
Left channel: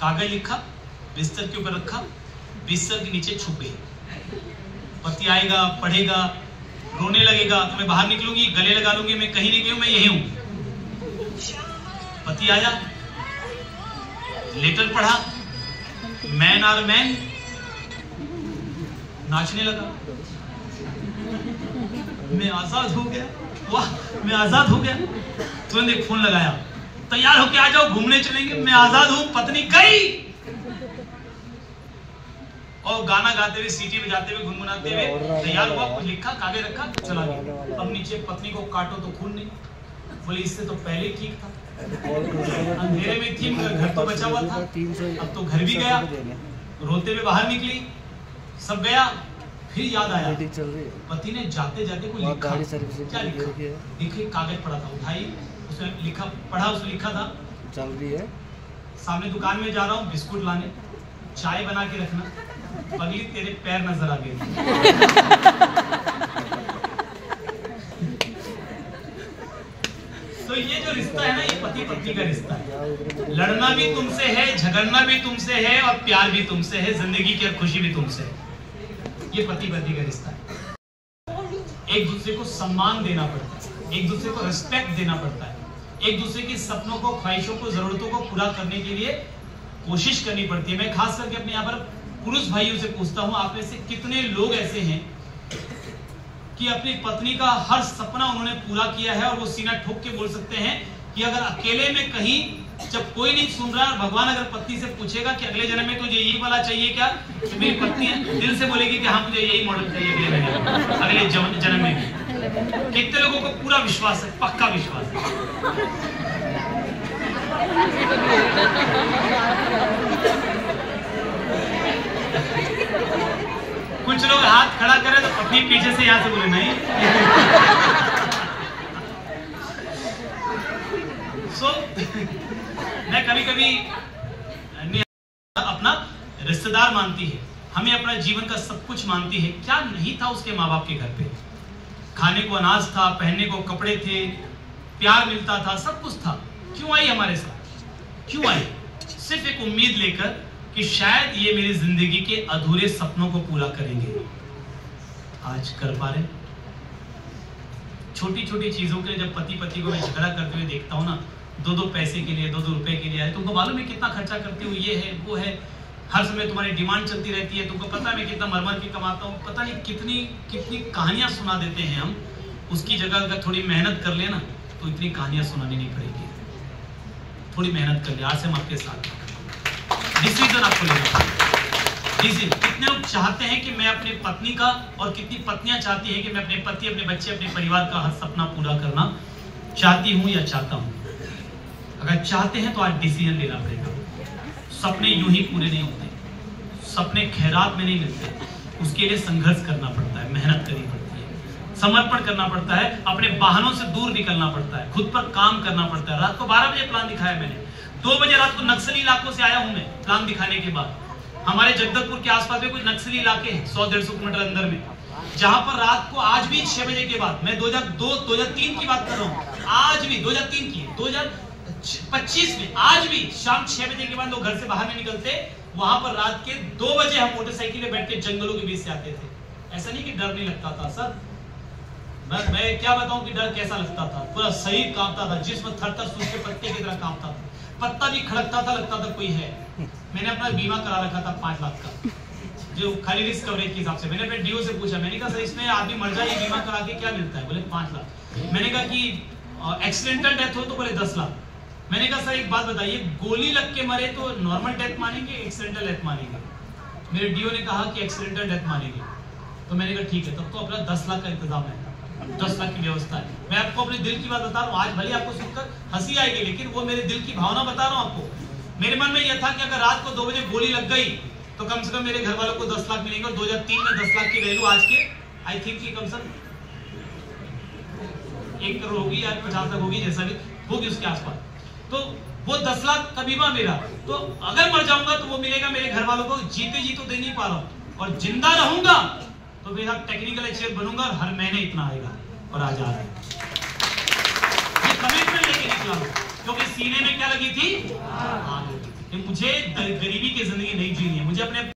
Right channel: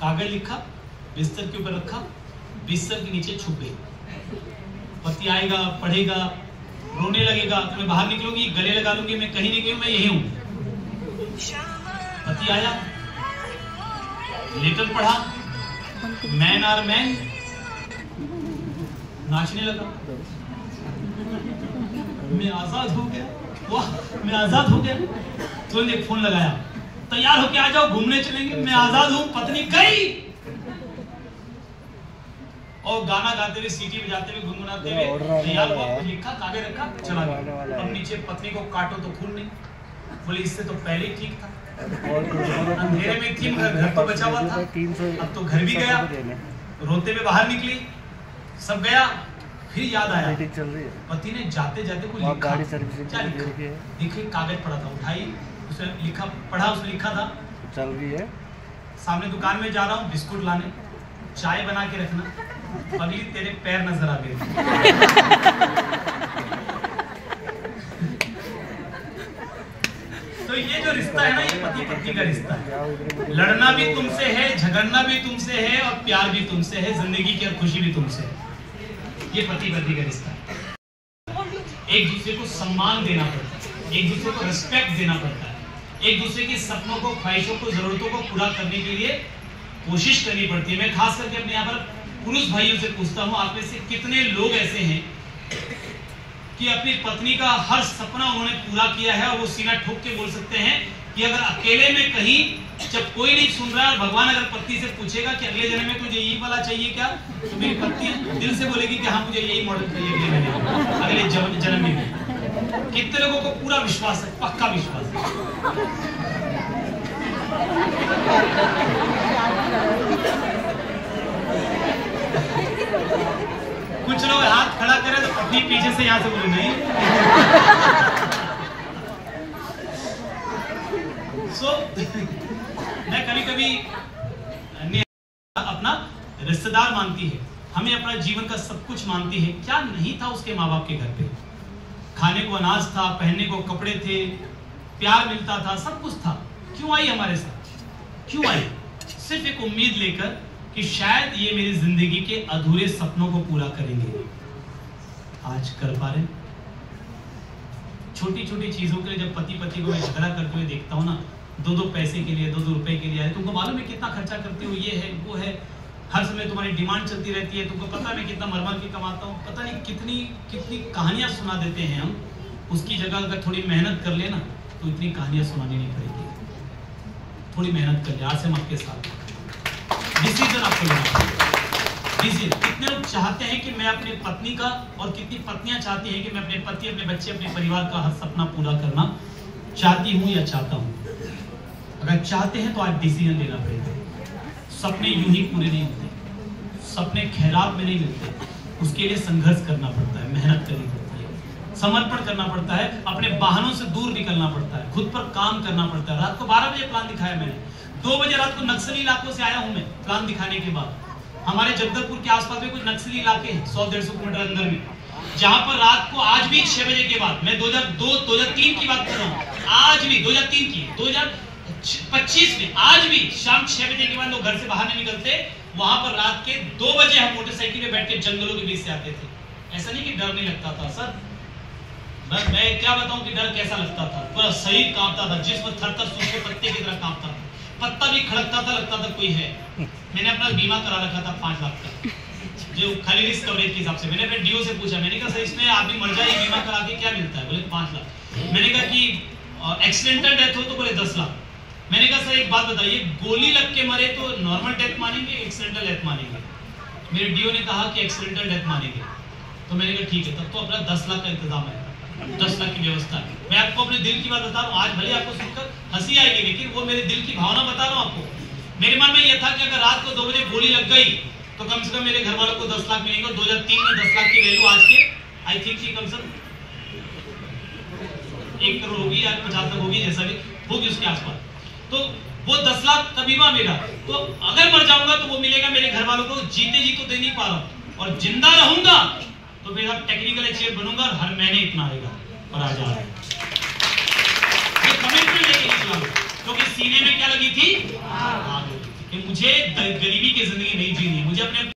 कागज लिखा, बिस्तर के ऊपर रखा, बिस्तर के नीचे छुप गई। पति आएगा, पढ़ेगा, रोने लगेगा, तो मैं बाहर निकलूंगी, गले लगा लूंगी, मैं कहीं नहीं गई हूं, मैं यही हूं। पति आया, लेटर पढ़ा, मैन आर मैन, नाचने लगा, मैं आजाद हो गया, वाह मैं आजाद हो गया। तुरंत एक फोन लगाया, तैयार होके आ जाओ, घूमने चलेंगे, मैं आजाद हूं। पत्नी गई, और गाना गाते हुए, सीटी बजाते हुए, गुनगुनाते हुए तैयार हुआ, लिखा, कागज रखा, चला गया। अब नीचे पत्नी को काटो तो खून नहीं, बोली इससे तो पहले ही ठीक था, अंधेरे में थी मगर घर तो बचा हुआ था, अब तो घर भी गया। रोते हुए बाहर निकली, सब गया, फिर याद आया, पति ने जाते जाते कोई लिखा, क्या लिखा? देखिए कागज पड़ा था, उठाई, उसमें लिखा, पढ़ा, उसमें लिखा था, चल रही है, सामने दुकान में जा रहा हूँ बिस्कुट लाने, चाय बना के रखना, पगली तेरे पैर नजर आ गए। तो ये जो रिश्ता है ना, ये पति पत्नी का रिश्ता है। लड़ना भी तुमसे है, झगड़ना भी तुमसे है, और प्यार भी तुमसे है, जिंदगी की खुशी भी तुमसे है। ये पति पत्नी का रिश्ता है। एक दूसरे को सम्मान देना पड़ता है, एक दूसरे को रिस्पेक्ट देना पड़ता है, एक दूसरे के सपनों को, ख्वाहिशों को, जरूरतों को पूरा करने के लिए कोशिश करनी पड़ती है। मैं खास करके अपने यहाँ पर पुरुष भाइयों से पूछता हूँ, आप में से कितने लोग ऐसे हैं कि अपनी पत्नी का हर सपना उन्होंने पूरा किया है, और वो सीना ठोक के बोल सकते हैं कि अगर अकेले में कहीं, जब कोई नहीं सुन रहा है, भगवान अगर पत्नी से पूछेगा कि अगले जन्म में तुझे यही वाला चाहिए क्या, तो मेरी पत्नी दिल से बोलेगी कि हाँ मुझे यही मॉडल चाहिए अगले जन्म में। कितने लोगों को पूरा विश्वास है, पक्का विश्वास है। कुछ लोग हाथ खड़ा करें तो पत्नी पीछे से यहां से बोले नहीं। मैं कभी कभी अपना रिश्तेदार मानती है, हमें अपना जीवन का सब कुछ मानती है। क्या नहीं था उसके माँ बाप के घर पे? खाने को अनाज था, पहनने को कपड़े थे, प्यार मिलता था, सब कुछ था। क्यों आई हमारे साथ? क्यों आई? सिर्फ एक उम्मीद लेकर कि शायद ये मेरी जिंदगी के अधूरे सपनों को पूरा करेंगे। आज कर पा रहे? छोटी छोटी चीजों के लिए जब पति पत्नी को मैं झगड़ा करते हुए देखता हूँ ना, 2-2 पैसे के लिए, 2-2 रुपए के लिए, अरे तुमको मालूम है कितना खर्चा करती हूँ, ये है वो है, हर समय तुम्हारी डिमांड चलती रहती है, तुमको पता है मैं कितना मर के कमाता हूँ, पता नहीं कितनी कितनी कहानियां सुना देते हैं हम। उसकी जगह अगर थोड़ी मेहनत कर लेना तो इतनी कहानियां सुनानी नहीं पड़ेगी। थोड़ी मेहनत कर ले, आज से हम आपके साथ। डिसीजन आपको लेना पड़ेगा। कितने लोग चाहते हैं कि मैं अपने पत्नी का, और कितनी पत्नियां चाहती हैं कि मैं अपने पति, अपने बच्चे, अपने परिवार का हर सपना पूरा करना चाहती हूं या चाहता हूं। अगर चाहते हैं तो आज डिसीजन लेना पड़ेगा। सपने यूं ही पूरे नहीं होते, सपने खैरात में नहीं मिलते, उसके लिए संघर्ष करना पड़ता है, मेहनत करनी पड़ती है, समर्पण करना पड़ता है, अपने वाहनों से दूर निकलना पड़ता है, खुद पर काम करना पड़ता है। रात को 12 बजे प्लान दिखाया मैंने, 2 बजे रात को नक्सली इलाकों से आया हूं मैं प्लान दिखाने के बाद। हमारे जगदलपुर के आसपास में कुछ नक्सली इलाके हैं 100-150 किलोमीटर अंदर में, जहां पर रात को आज भी 6 बजे के बाद, मैं 2002-2003 की बात कर रहा हूं, आज भी 2003 की 2025 में आज भी शाम 6 बजे के बाद लोग घर से बाहर नहीं निकलते। वहां पर रात के 2 बजे हम मोटरसाइकिल में बैठ के जंगलों के बीच से आते थे। ऐसा नहीं कि डर नहीं लगता था सर, मैं क्या बताऊं कि डर कैसा लगता था। पूरा शरीर कांपता था, जिस्म थर-थर सूखे पत्ते की तरह कांपता था, पत्ता भी खड़कता था, लगता था कोई है। मैंने अपना बीमा करा रखा था 5 लाख का, जो खाली रिस्क कवरेज के हिसाब से। मैंने अपने डीओ से पूछा, मैंने कहा सर इसमें आदमी मर जाए बीमा करा के क्या मिलता है? बोले 5 लाख। मैंने कहा कि एक्सीडेंटल डेथ हो तो बोले 10 लाख। मैंने कहा सर एक बात बताइए, गोली लग के मरे तो नॉर्मल डेथ मानेंगे, एक्सीडेंटल डेथ मानेंगे? मेरे डीओ ने कहा कि एक्सीडेंटल डेथ मानेंगे। तो मैंने कहा ठीक है, तब तो अपना 10 लाख का इंतजाम है, 10 लाख की व्यवस्था है। मैं आपको अपने दिल की बात बता रहा हूँ, आज भले आपको सुनकर हंसी आएगी, लेकिन वो मेरे दिल की भावना बता रहा हूँ आपको। मेरे मन में यह था कि अगर रात को 2 बजे गोली लग गई तो कम से कम मेरे घर वालों को 10 लाख मिलेंगे। 2003 में 10 लाख की वैल्यू आज के आई थिंक कि कम से कम 1 करोड़ होगी या 50 तक होगी, जैसा भी होगी उसके आसपास। तो वो 10 लाख का बीमा मेरा, तो अगर मर जाऊंगा तो वो मिलेगा मेरे घर वालों को। जीते जी तो दे नहीं पा रहा हूं, और जिंदा रहूंगा तो मेरा टेक्निकल एक्सचेंज बनूंगा और हर महीने इतना आएगा। और आज आ रहा है, ये कमिटमेंट लेके निकला हूं, क्योंकि सीने में क्या लगी थी? आग लगी थी कि मुझे गरीबी की जिंदगी नहीं जीनी है, मुझे अपने